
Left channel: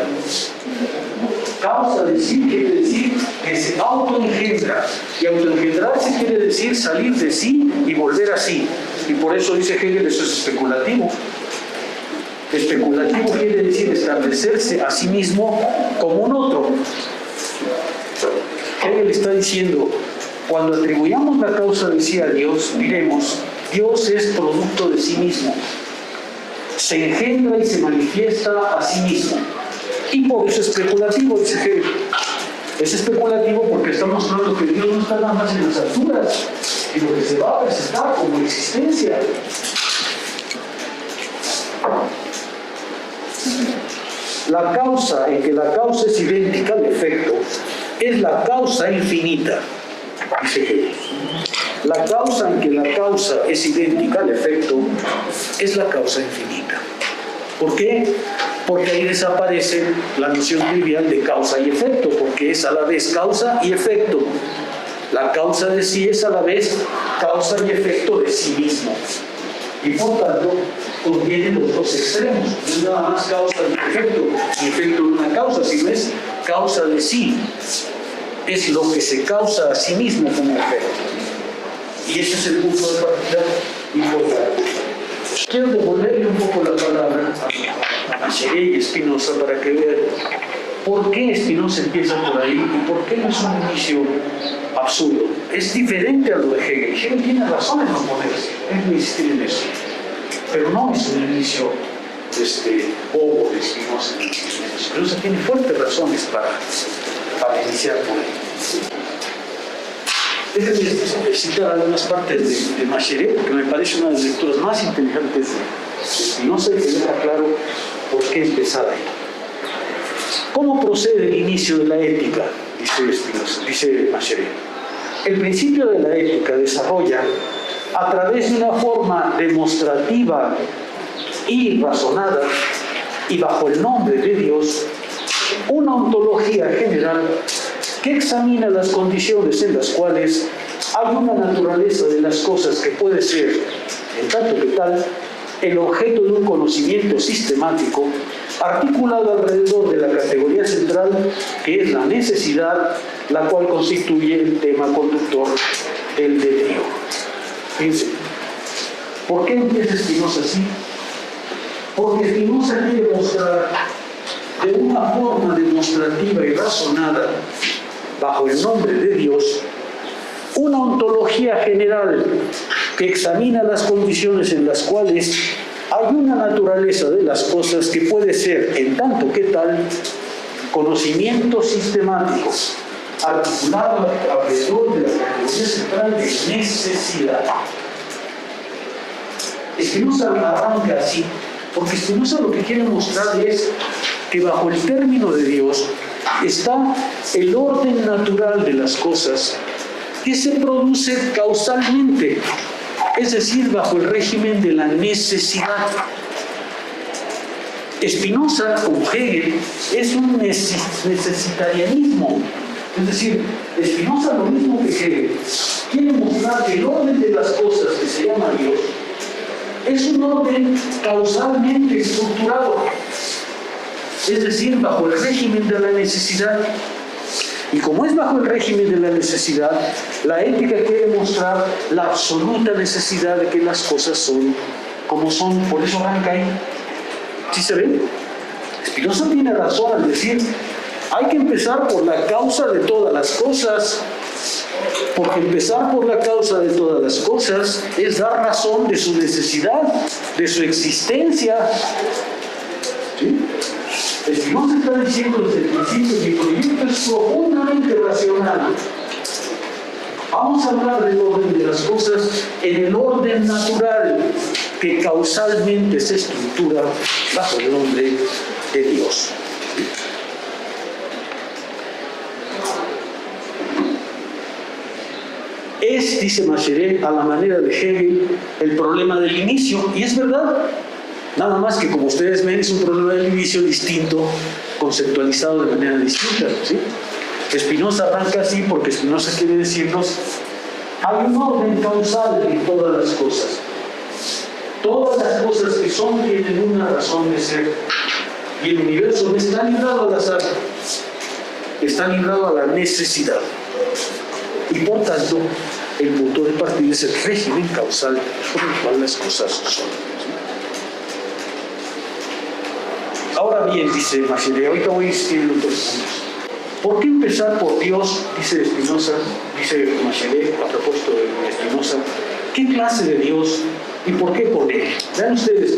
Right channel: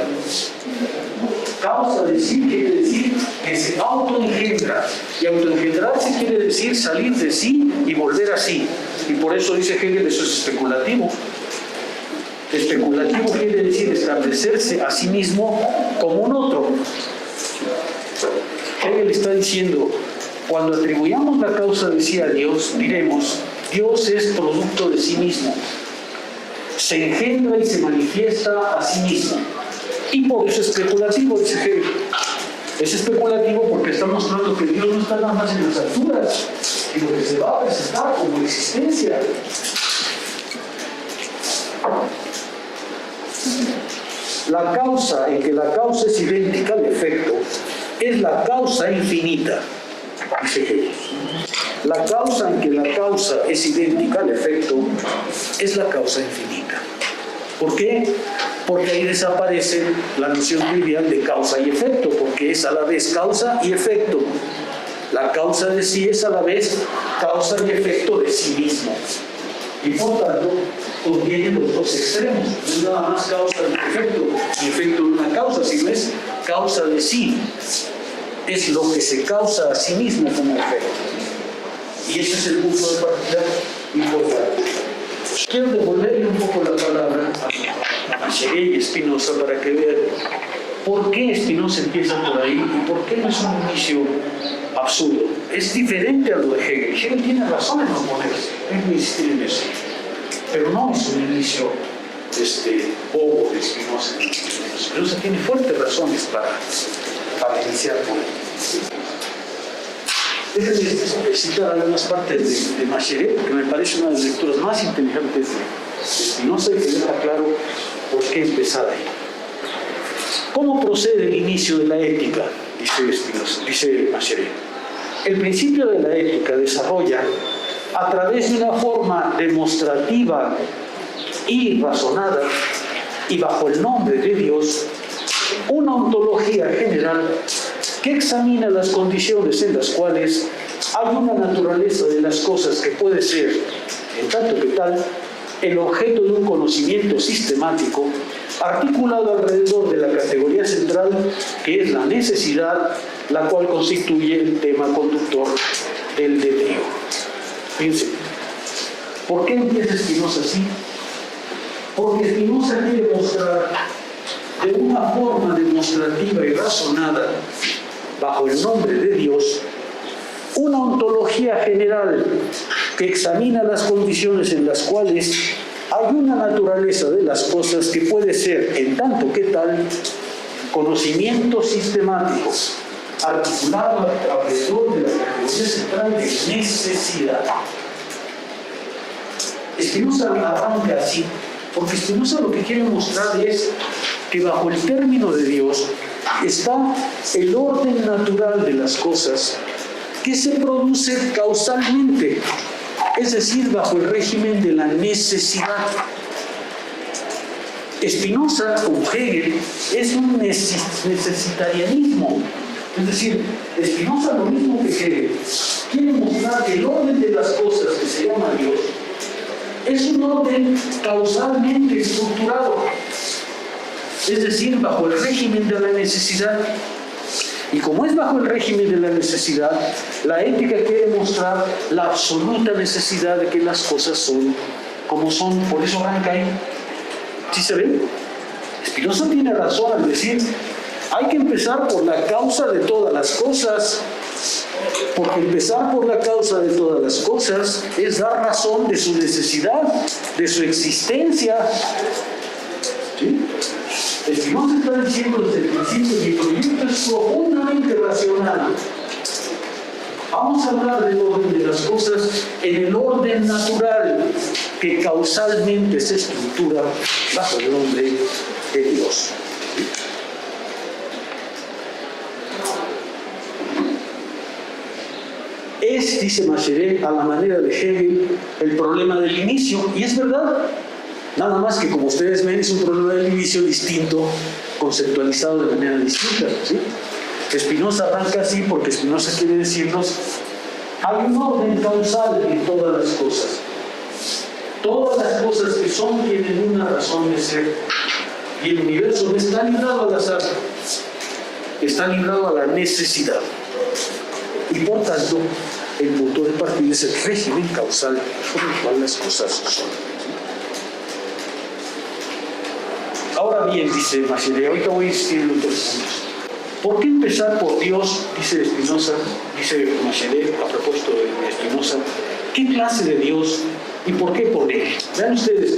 Causa de sí quiere decir que se autoengendra, y autoengendrarse quiere decir salir de sí y volver a sí. Y por eso dice Hegel, eso es especulativo. Especulativo quiere decir establecerse a sí mismo como un otro. Hegel está diciendo, cuando atribuyamos la causa de sí a Dios, diremos, Dios es producto de sí mismo, se engendra y se manifiesta a sí mismo. Y por eso es especulativo, dice Hegel. Es especulativo porque está mostrando que Dios no está nada más en las alturas, sino que se va a presentar como existencia. La causa en que la causa es idéntica al efecto es la causa infinita, dice Hegel. La causa en que la causa es idéntica al efecto es la causa infinita. ¿Por qué? Porque ahí desaparece la noción trivial de causa y efecto, porque es a la vez causa y efecto. La causa de sí es a la vez causa y efecto de sí mismo. Y por tanto, contiene los dos extremos. No es nada más causa de un efecto de una causa, sino es causa de sí. Es lo que se causa a sí mismo como efecto. Y ese es el punto de partida importante. Quiero devolverle un poco la palabra a Macherey y Spinoza para que vean por qué Spinoza empieza por ahí y por qué no es un inicio absurdo. Es diferente a lo de Hegel. Hegel tiene razón en oponerse, es insistir en eso. Pero no es un inicio bobo de Spinoza. Spinoza tiene fuertes razones para iniciar por ahí. Déjenme citar algunas partes de Macherey, porque me parece una de las lecturas más inteligentes de Spinoza y que deja claro por qué empezar ahí. ¿Cómo procede el inicio de la ética? Dice Macherey. El principio de la ética desarrolla, a través de una forma demostrativa y razonada, y bajo el nombre de Dios, una ontología general que examina las condiciones en las cuales hay una naturaleza de las cosas que puede ser, en tanto que tal, el objeto de un conocimiento sistemático articulado alrededor de la categoría central que es la necesidad, la cual constituye el tema conductor del deseo. Fíjense, ¿por qué empieza Spinoza así? Porque Spinoza quiere mostrar de una forma demostrativa y razonada, bajo el nombre de Dios, una ontología general que examina las condiciones en las cuales hay una naturaleza de las cosas que puede ser, en tanto que tal, conocimiento sistemático, articulado alrededor de la categoría central de necesidad. Spinoza arranca así, porque Spinoza lo que quiere mostrar es que bajo el término de Dios está el orden natural de las cosas que se produce causalmente, es decir, bajo el régimen de la necesidad. Spinoza, como Hegel, es un necesitarianismo. Es decir, Spinoza, lo mismo que Hegel, quiere mostrar que el orden de las cosas que se llama Dios es un orden causalmente estructurado, es decir, bajo el régimen de la necesidad. Y como es bajo el régimen de la necesidad, la ética quiere mostrar la absoluta necesidad de que las cosas son como son. Por eso arranca ahí. ¿Sí se ve? Spinoza tiene razón al decir, hay que empezar por la causa de todas las cosas, porque empezar por la causa de todas las cosas es dar razón de su necesidad, de su existencia. ¿Sí? Spinoza está diciendo desde el principio que el proyecto es profundamente racional. Vamos a hablar del orden de las cosas en el orden natural que causalmente se estructura bajo el nombre de Dios. Es, dice Macherey, a la manera de Hegel, el problema del inicio, y es verdad. Nada más que, como ustedes ven, es un problema del inicio distinto, conceptualizado de manera distinta. ¿Sí? Spinoza arranca así porque Spinoza quiere decirnos, hay un orden causal en todas las cosas. Todas las cosas que son tienen una razón de ser. Y el universo no está librado al azar, está librado a la necesidad. Y por tanto, el punto de partida es el régimen causal por el cual las cosas son. Ahora bien, dice Macherey, ahorita voy a insistir en otros puntos. ¿Por qué empezar por Dios? Dice Spinoza, dice Macherey, a propósito de Spinoza, ¿qué clase de Dios y por qué con él? Vean ustedes,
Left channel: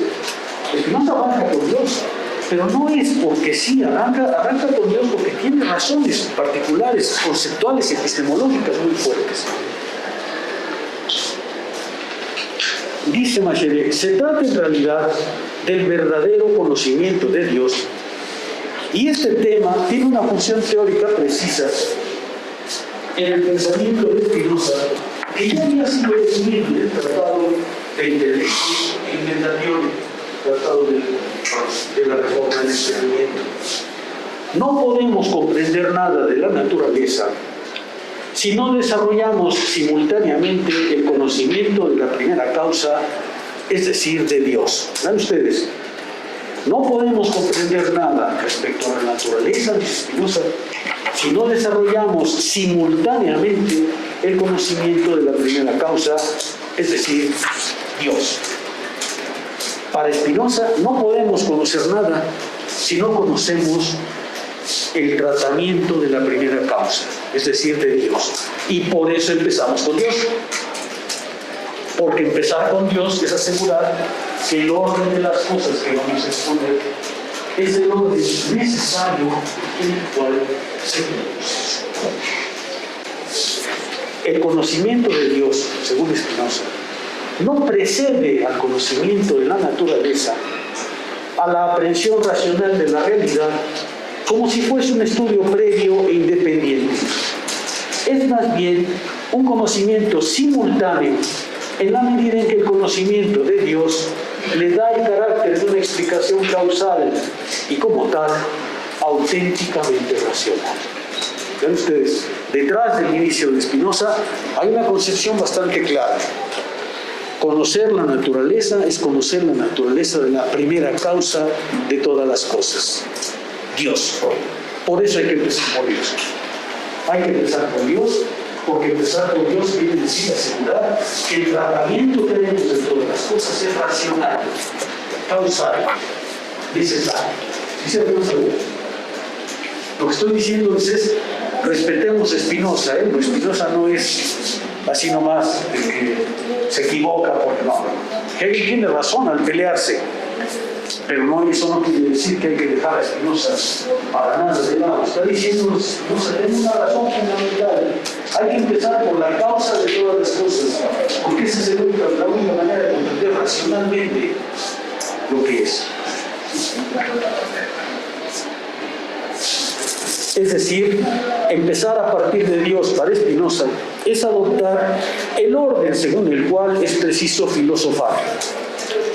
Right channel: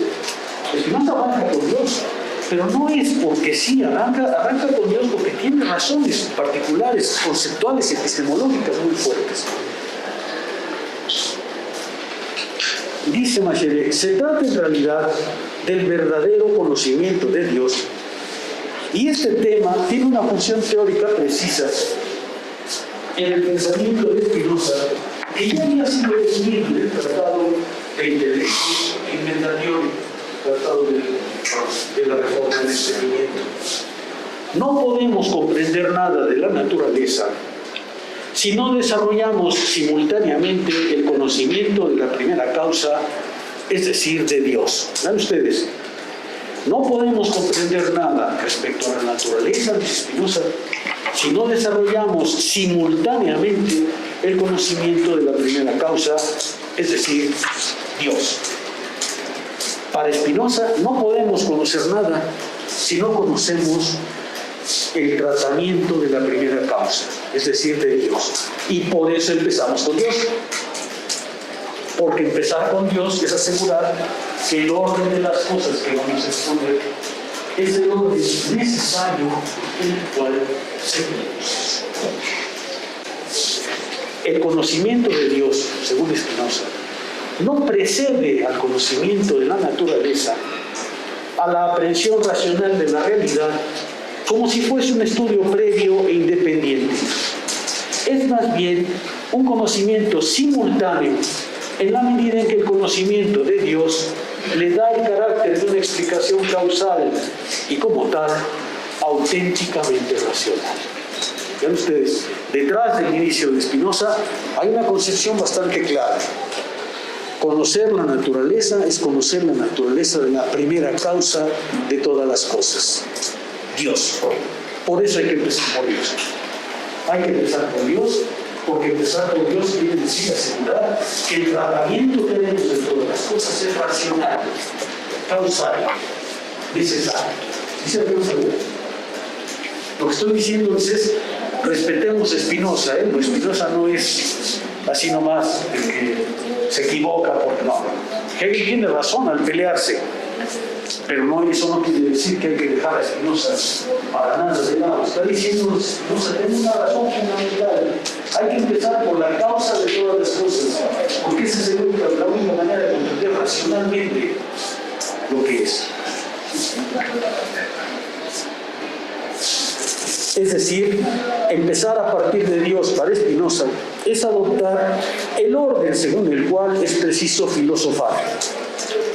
Spinoza arranca con Dios, pero no es porque sí, arranca con Dios porque tiene razones particulares, conceptuales y epistemológicas muy fuertes. Dice Macherey, se trata en realidad del verdadero conocimiento de Dios, y este tema tiene una función teórica precisa en el pensamiento de Spinoza, que ya había sido definido en el Tratado de Inventación, Tratado de la Reforma del Entendimiento. No podemos comprender nada de la naturaleza si no desarrollamos simultáneamente el conocimiento de la primera causa, es decir, de Dios. ¿Ven ustedes? No podemos comprender nada respecto a la naturaleza, dice Spinoza, si no desarrollamos simultáneamente el conocimiento de la primera causa, es decir, Dios. Para Spinoza no podemos conocer nada si no conocemos el tratamiento de la primera causa, es decir, de Dios. Y por eso empezamos con Dios. Porque empezar con Dios es asegurar que el orden de las cosas que vamos a exponer es el orden necesario en el cual se produce. El conocimiento de Dios, según Spinoza, no precede al conocimiento de la naturaleza, a la aprehensión racional de la realidad, como si fuese un estudio previo e independiente. Es más bien un conocimiento simultáneo, en la medida en que el conocimiento de Dios le da el carácter de una explicación causal y como tal, auténticamente racional. Vean ustedes, detrás del inicio de Spinoza hay una concepción bastante clara. Conocer la naturaleza es conocer la naturaleza de la primera causa de todas las cosas, Dios. Por eso hay que empezar por Dios. Hay que empezar por Dios, porque empezar por Dios quiere decir asegurar que el tratamiento que tenemos de todas las cosas es racional, causal, necesario. ¿Sí se ve seguro? Lo que estoy diciendo es respetemos a Spinoza, Spinoza no es así nomás el que se equivoca, porque no. Hegel tiene razón al pelearse, pero no, eso no quiere decir que hay que dejar a Spinoza para nada de lado. Está diciendo Spinoza, tiene una razón fundamental. Hay que empezar por la causa de todas las cosas, porque esa es la única manera de comprender racionalmente lo que es. Es decir, empezar a partir de Dios para Spinoza es adoptar el orden según el cual es preciso filosofar.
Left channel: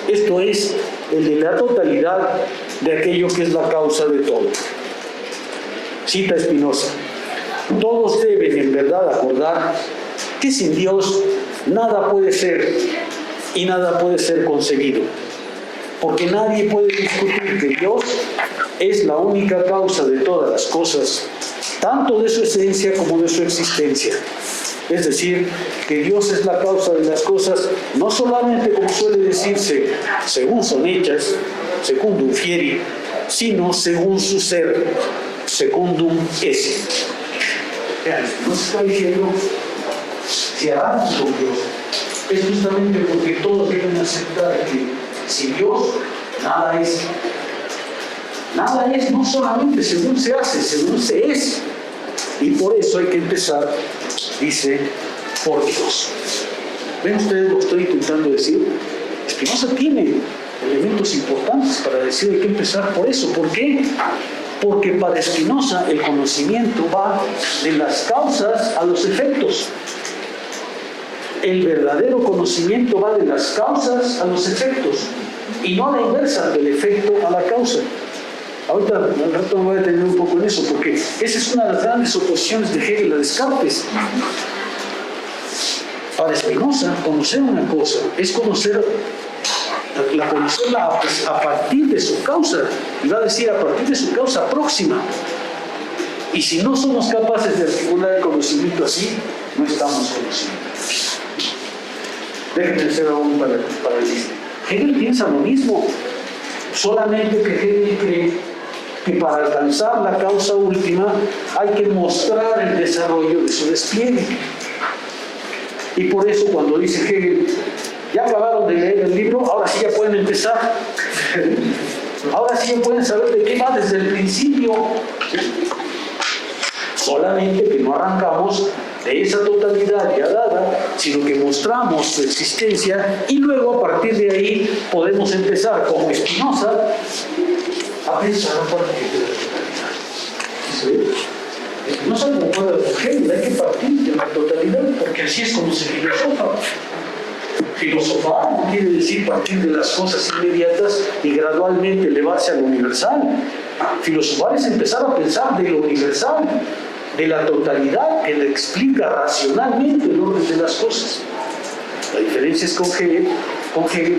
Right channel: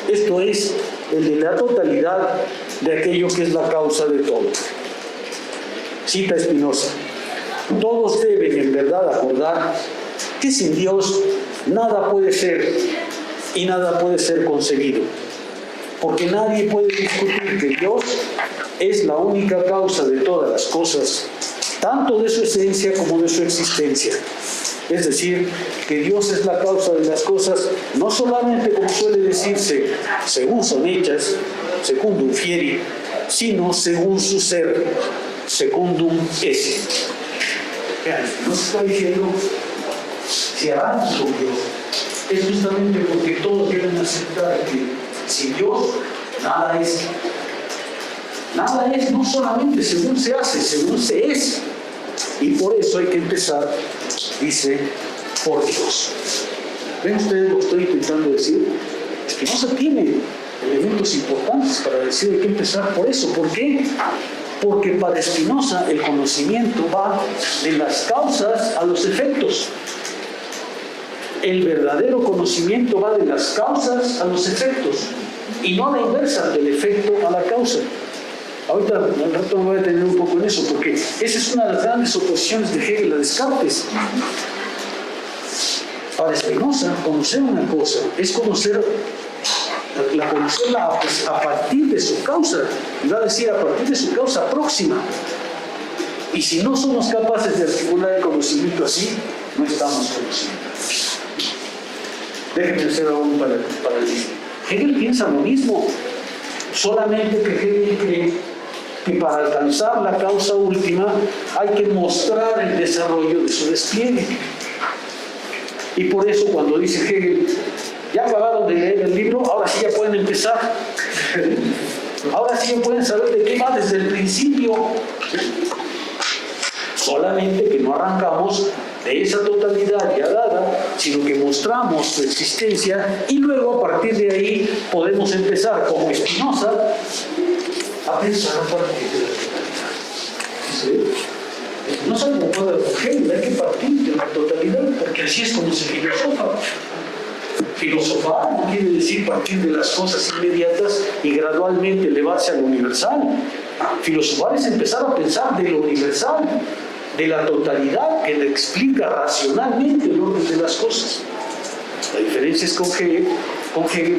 Esto es, el de la totalidad de aquello que es la causa de todo. Cita Spinoza: todos deben en verdad acordar que sin Dios nada puede ser y nada puede ser conseguido, porque nadie puede discutir que Dios es la única causa de todas las cosas, tanto de su esencia como de su existencia. Es decir, que Dios es la causa de las cosas, no solamente como suele decirse, según son hechas, secundum fieri, sino según su ser, secundum esse. Vean, no se está diciendo si hablamos con Dios, es justamente porque todos deben aceptar que sin Dios nada es. Nada es, no solamente según se hace, según se es. Y por eso hay que empezar, dice, por Dios. ¿Ven ustedes lo que estoy intentando decir? Spinoza tiene elementos importantes para decir hay que empezar por eso. ¿Por qué? Porque para Spinoza el conocimiento va de las causas a los efectos. El verdadero conocimiento va de las causas a los efectos y no a la inversa, del efecto a la causa. Ahorita al rato me voy a detener un poco en eso, porque esa es una de las grandes oposiciones de Hegel a Descartes. Para Spinoza, conocer una cosa es conocerla a partir de su causa, va a decir a partir de su causa próxima. Y si no somos capaces de articular el conocimiento así, no estamos conociendo. Déjenme hacer aún para decir. Hegel piensa lo mismo, solamente que Hegel cree que para alcanzar la causa última hay que mostrar el desarrollo de su despliegue. Y por eso cuando dice Hegel, ya acabaron de leer el libro, ahora sí ya pueden empezar. Ahora sí ya pueden saber de qué va desde el principio. Solamente que no arrancamos de esa totalidad ya dada, sino que mostramos su existencia y luego a partir de ahí podemos empezar, como Spinoza, a pensar a partir de la totalidad. ¿Sí? No sabe cómo puede Hegel, hay que partir de la totalidad, porque así es como se filosofa. Filosofar no quiere decir partir de las cosas inmediatas y gradualmente elevarse a lo universal. Filosofar es empezar a pensar de lo universal. de la totalidad que le explica racionalmente el orden de las cosas. La diferencia es con Hegel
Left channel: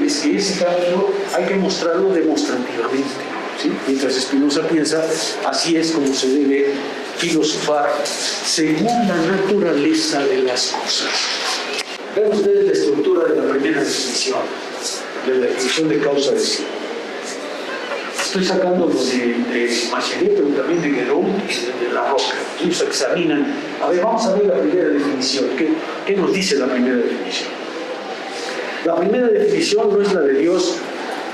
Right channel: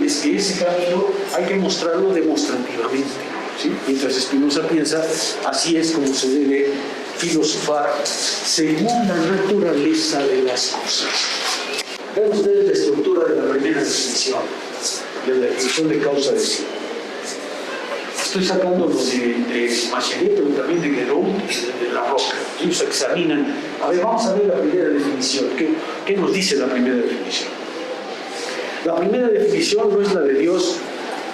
es que ese camino hay que mostrarlo demostrativamente, ¿sí? Mientras Spinoza piensa, así es como se debe filosofar según la naturaleza de las cosas. Vean ustedes la estructura de la primera definición, de la definición de causa de sí. Estoy sacándolo de Machelet, pero también de Guédon y de La Roca. Ellos examinan. A ver, vamos a ver la primera definición. ¿Qué nos dice la primera definición? La primera definición no es la de Dios,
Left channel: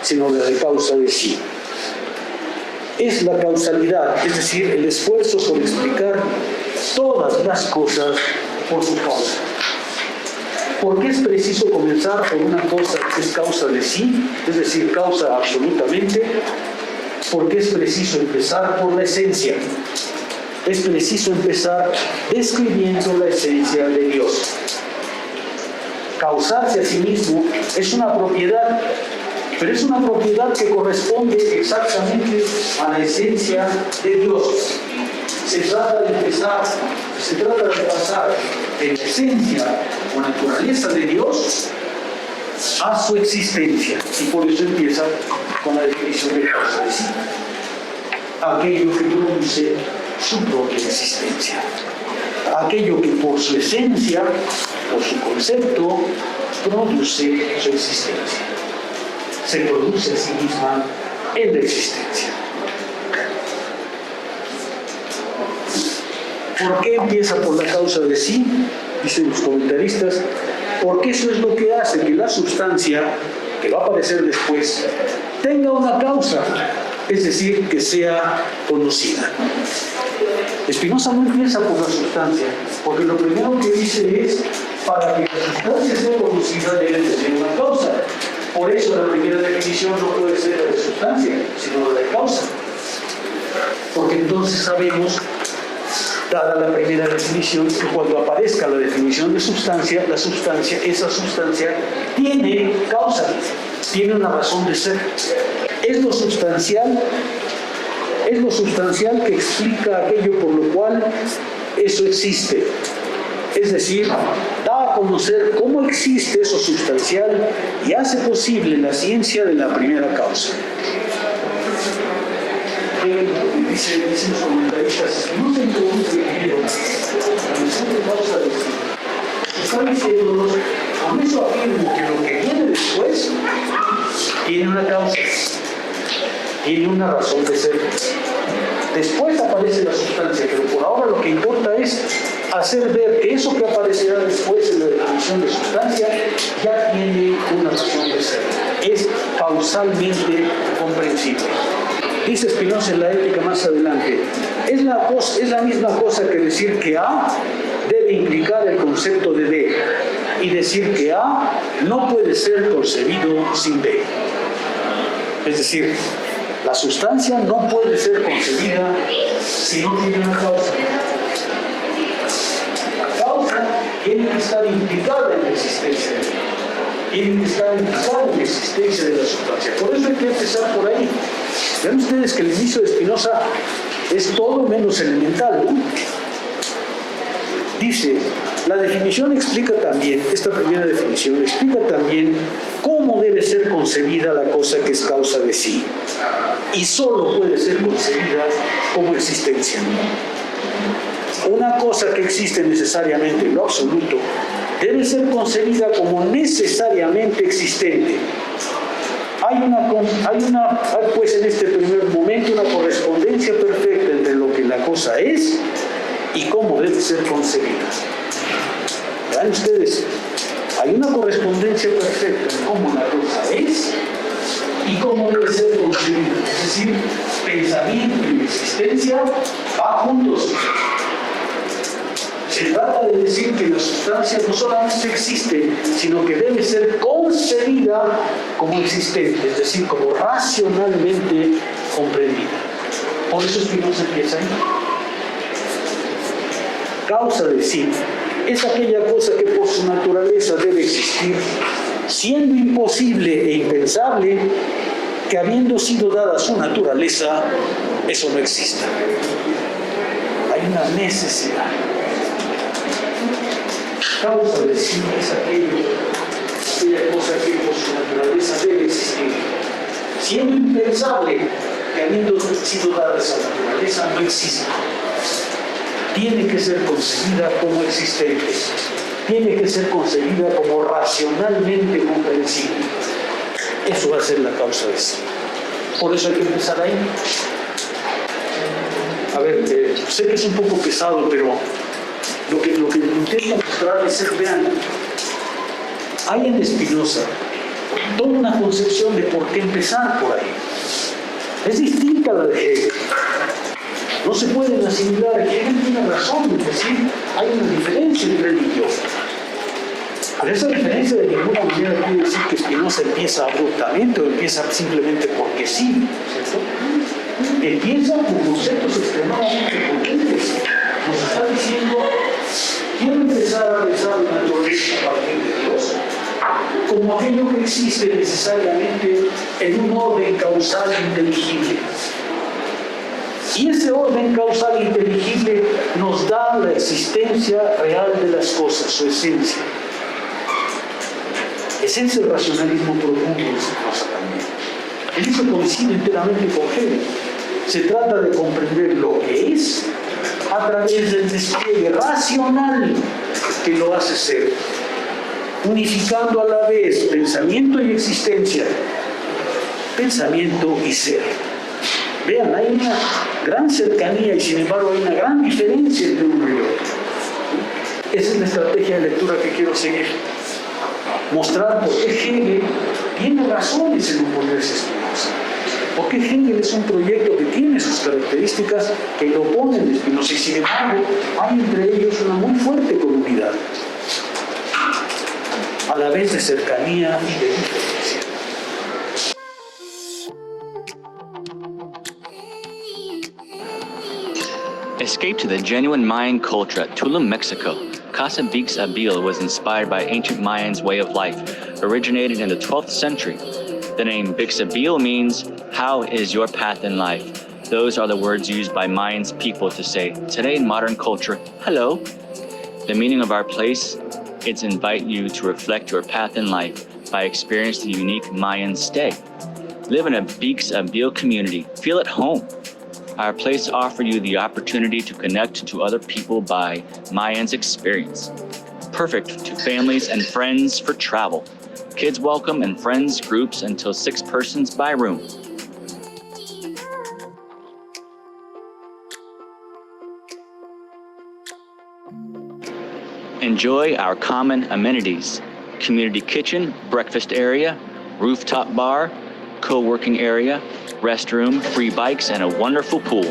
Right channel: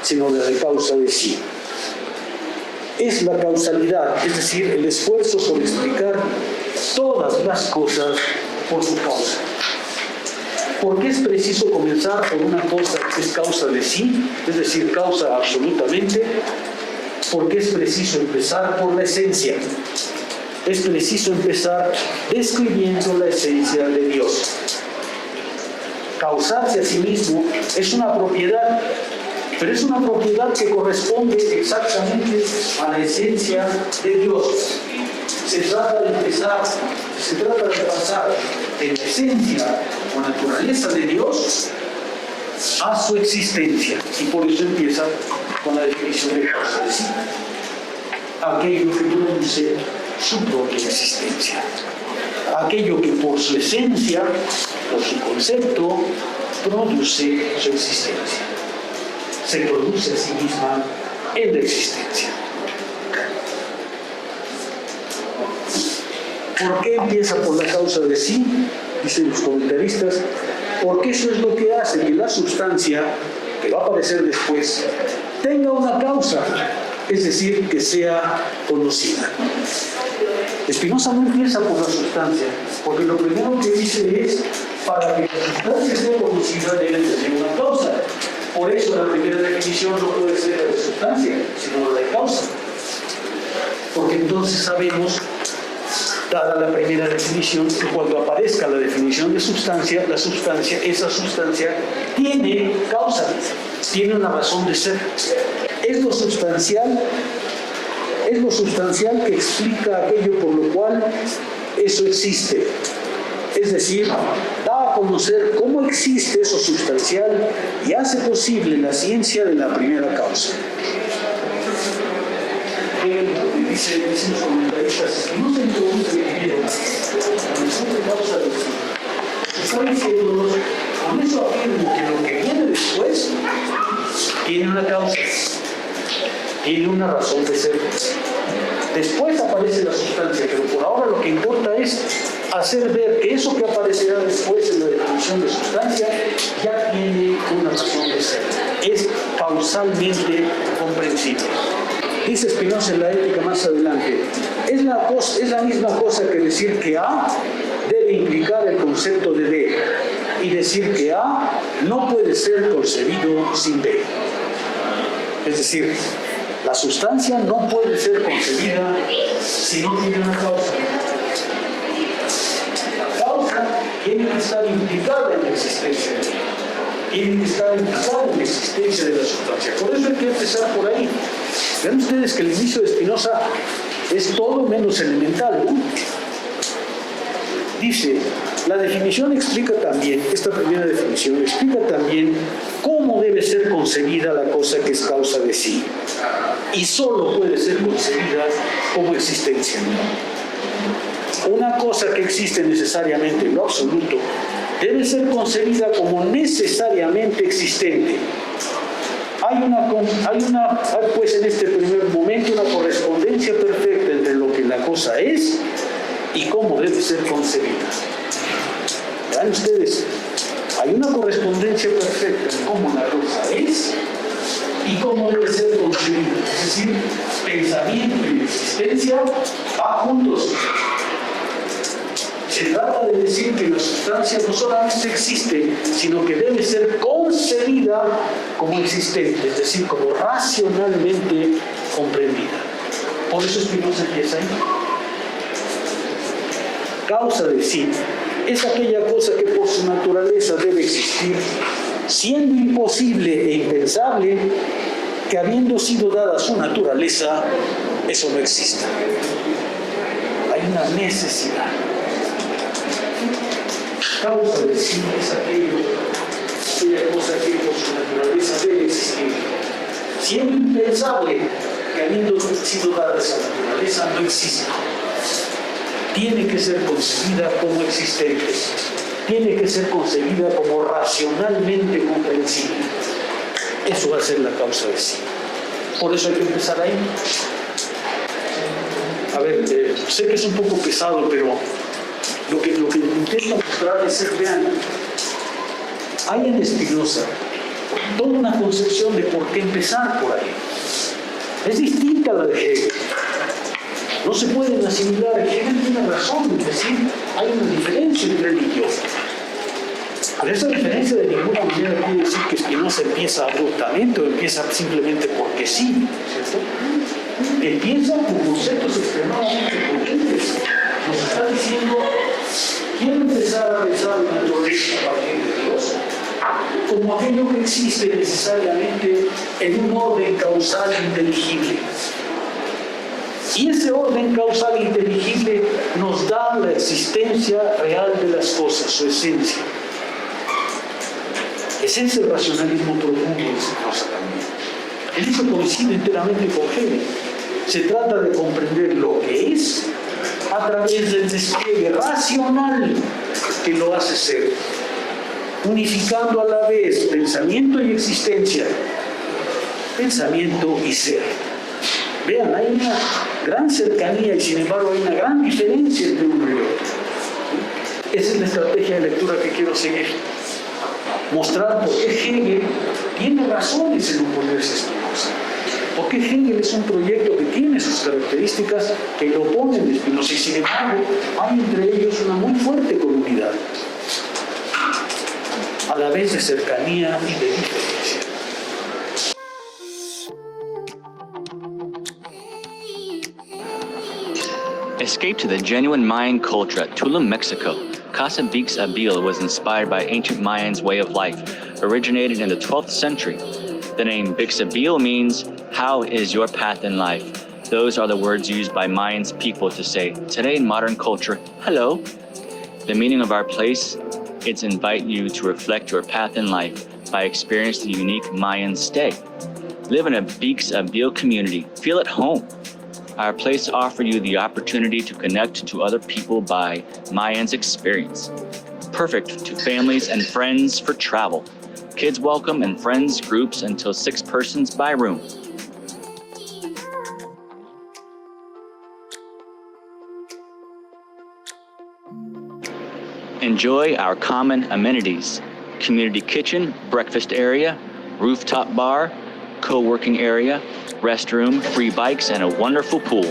sino la de causa de sí. Es la causalidad, es decir, el esfuerzo por explicar todas las cosas por su causa. ¿Por qué es preciso comenzar por una cosa que es causa de sí, es decir, causa absolutamente? Porque es preciso empezar por la esencia. Es preciso empezar describiendo la esencia de Dios. Causarse a sí mismo es una propiedad, pero es una propiedad que corresponde exactamente a la esencia de Dios. Se trata de pasar de la esencia o naturaleza de Dios a su existencia, y por eso empieza con la definición de causa de sí. Aquello que produce su propia existencia. Aquello que por su esencia, por su concepto, produce su existencia. Se produce a sí misma en la existencia. ¿Por qué empieza por la causa de sí? Dicen los comentaristas, porque eso es lo que hace que la sustancia, que va a aparecer después, tenga una causa, es decir, que sea conocida. Spinoza no empieza por la sustancia, porque lo primero que dice es, para que la sustancia sea conocida debe tener una causa. Por eso la primera definición no puede ser la de sustancia, sino la de causa. Porque entonces sabemos, dada la primera definición, que cuando aparezca la definición de sustancia, esa sustancia tiene causa, tiene una razón de ser. Es lo sustancial que explica aquello por lo cual eso existe. Es decir, da a conocer cómo existe eso sustancial y hace posible la ciencia de la primera causa. Dicen los comentaristas, no se introduce primero la noción de causa de sí. Están diciéndonos, con eso afirmo que lo que viene después tiene una causa, tiene una razón de ser. Después aparece la sustancia, pero por ahora lo que importa es hacer ver que eso que aparecerá después en la definición de sustancia ya tiene una razón de ser. Es causalmente comprensible. Dice Spinoza en la Ética más adelante, es la misma cosa que decir que A debe implicar el concepto de B y decir que A no puede ser concebido sin B. Es decir, la sustancia no puede ser concebida si no tiene una causa. La causa tiene que estar implicada en la existencia de B. Tiene que estar implicada en la existencia de la sustancia. Por eso hay que empezar por ahí. Vean ustedes que el inicio de Spinoza es todo menos elemental, ¿no? Dice, la definición explica también, esta primera definición explica también cómo debe ser concebida la cosa que es causa de sí. Y solo puede ser concebida como existencia. Una cosa que existe necesariamente en lo absoluto debe ser concebida como necesariamente existente. Hay pues en este primer momento una correspondencia perfecta entre lo que la cosa es y cómo debe ser concebida. Vean ustedes, hay una correspondencia perfecta en cómo la cosa es y cómo debe ser concebida. Es decir, pensamiento y existencia van juntos. Se trata de decir que la sustancia no solamente existe, sino que debe ser concebida como existente, es decir, como racionalmente comprendida. Por eso Spinoza empieza ahí. Causa de sí es aquella cosa que por su naturaleza debe existir, siendo imposible e impensable que habiendo sido dada su naturaleza, eso no exista. Hay una necesidad. Causa del sí es aquella cosa que por su naturaleza debe existir, siendo impensable que habiendo sido dada esa naturaleza no exista. Tiene que ser concebida como existente, tiene que ser concebida como racionalmente comprensible. Eso va a ser la causa de sí. Por eso hay que empezar ahí. A ver, sé que es un poco pesado, pero lo que intento mostrar es, vean, hay en Spinoza toda una concepción de por qué empezar por ahí. Es distinta a la de Hegel. No se pueden asimilar. Hegel tiene razón en decir hay una diferencia entre él y yo. Pero esa diferencia de ninguna manera quiere decir que Spinoza empieza abruptamente o empieza simplemente porque sí, ¿cierto? Empieza con conceptos extremadamente potentes. Nos está diciendo, quiero empezar a pensar la naturaleza a partir de Dios como aquello que existe necesariamente en un orden causal inteligible. Y ese orden causal inteligible nos da la existencia real de las cosas, su esencia. Es ese racionalismo profundo de Spinoza también. En eso coincide enteramente con Hegel. Se trata de comprender lo que es a través del despliegue racional que lo hace ser, unificando a la vez pensamiento y existencia, pensamiento y ser. Vean, hay una gran cercanía y sin embargo hay una gran diferencia entre uno y otro. Esa es la estrategia de lectura que quiero seguir. Mostrar por qué Hegel tiene razones en oponerse a Spinoza. Porque Hegel es un proyecto que tiene sus características que lo oponen de Spinoza y sin embargo hay entre ellos una muy fuerte comunidad, a la vez de cercanía y de diferencia. Escape to the genuine Mayan culture at Tulum, Mexico. Casa Bix Abil was inspired by ancient Mayans' way of life, originated in the 12th century. The name Bix Abil means, how is your path in life? Those are the words used by Mayans people to say, today in modern culture, hello. The meaning of our place is invite you to reflect your path in life by experiencing the unique Mayan stay. Live in a Bix Abil community, feel at home. Our place offers you the opportunity to connect to other people by Mayans experience. Perfect to families and friends for travel. Kids welcome and friends groups until 6 persons by room. Enjoy our common amenities. Community kitchen, breakfast area, rooftop bar, co-working area, restroom, free bikes, and a wonderful pool.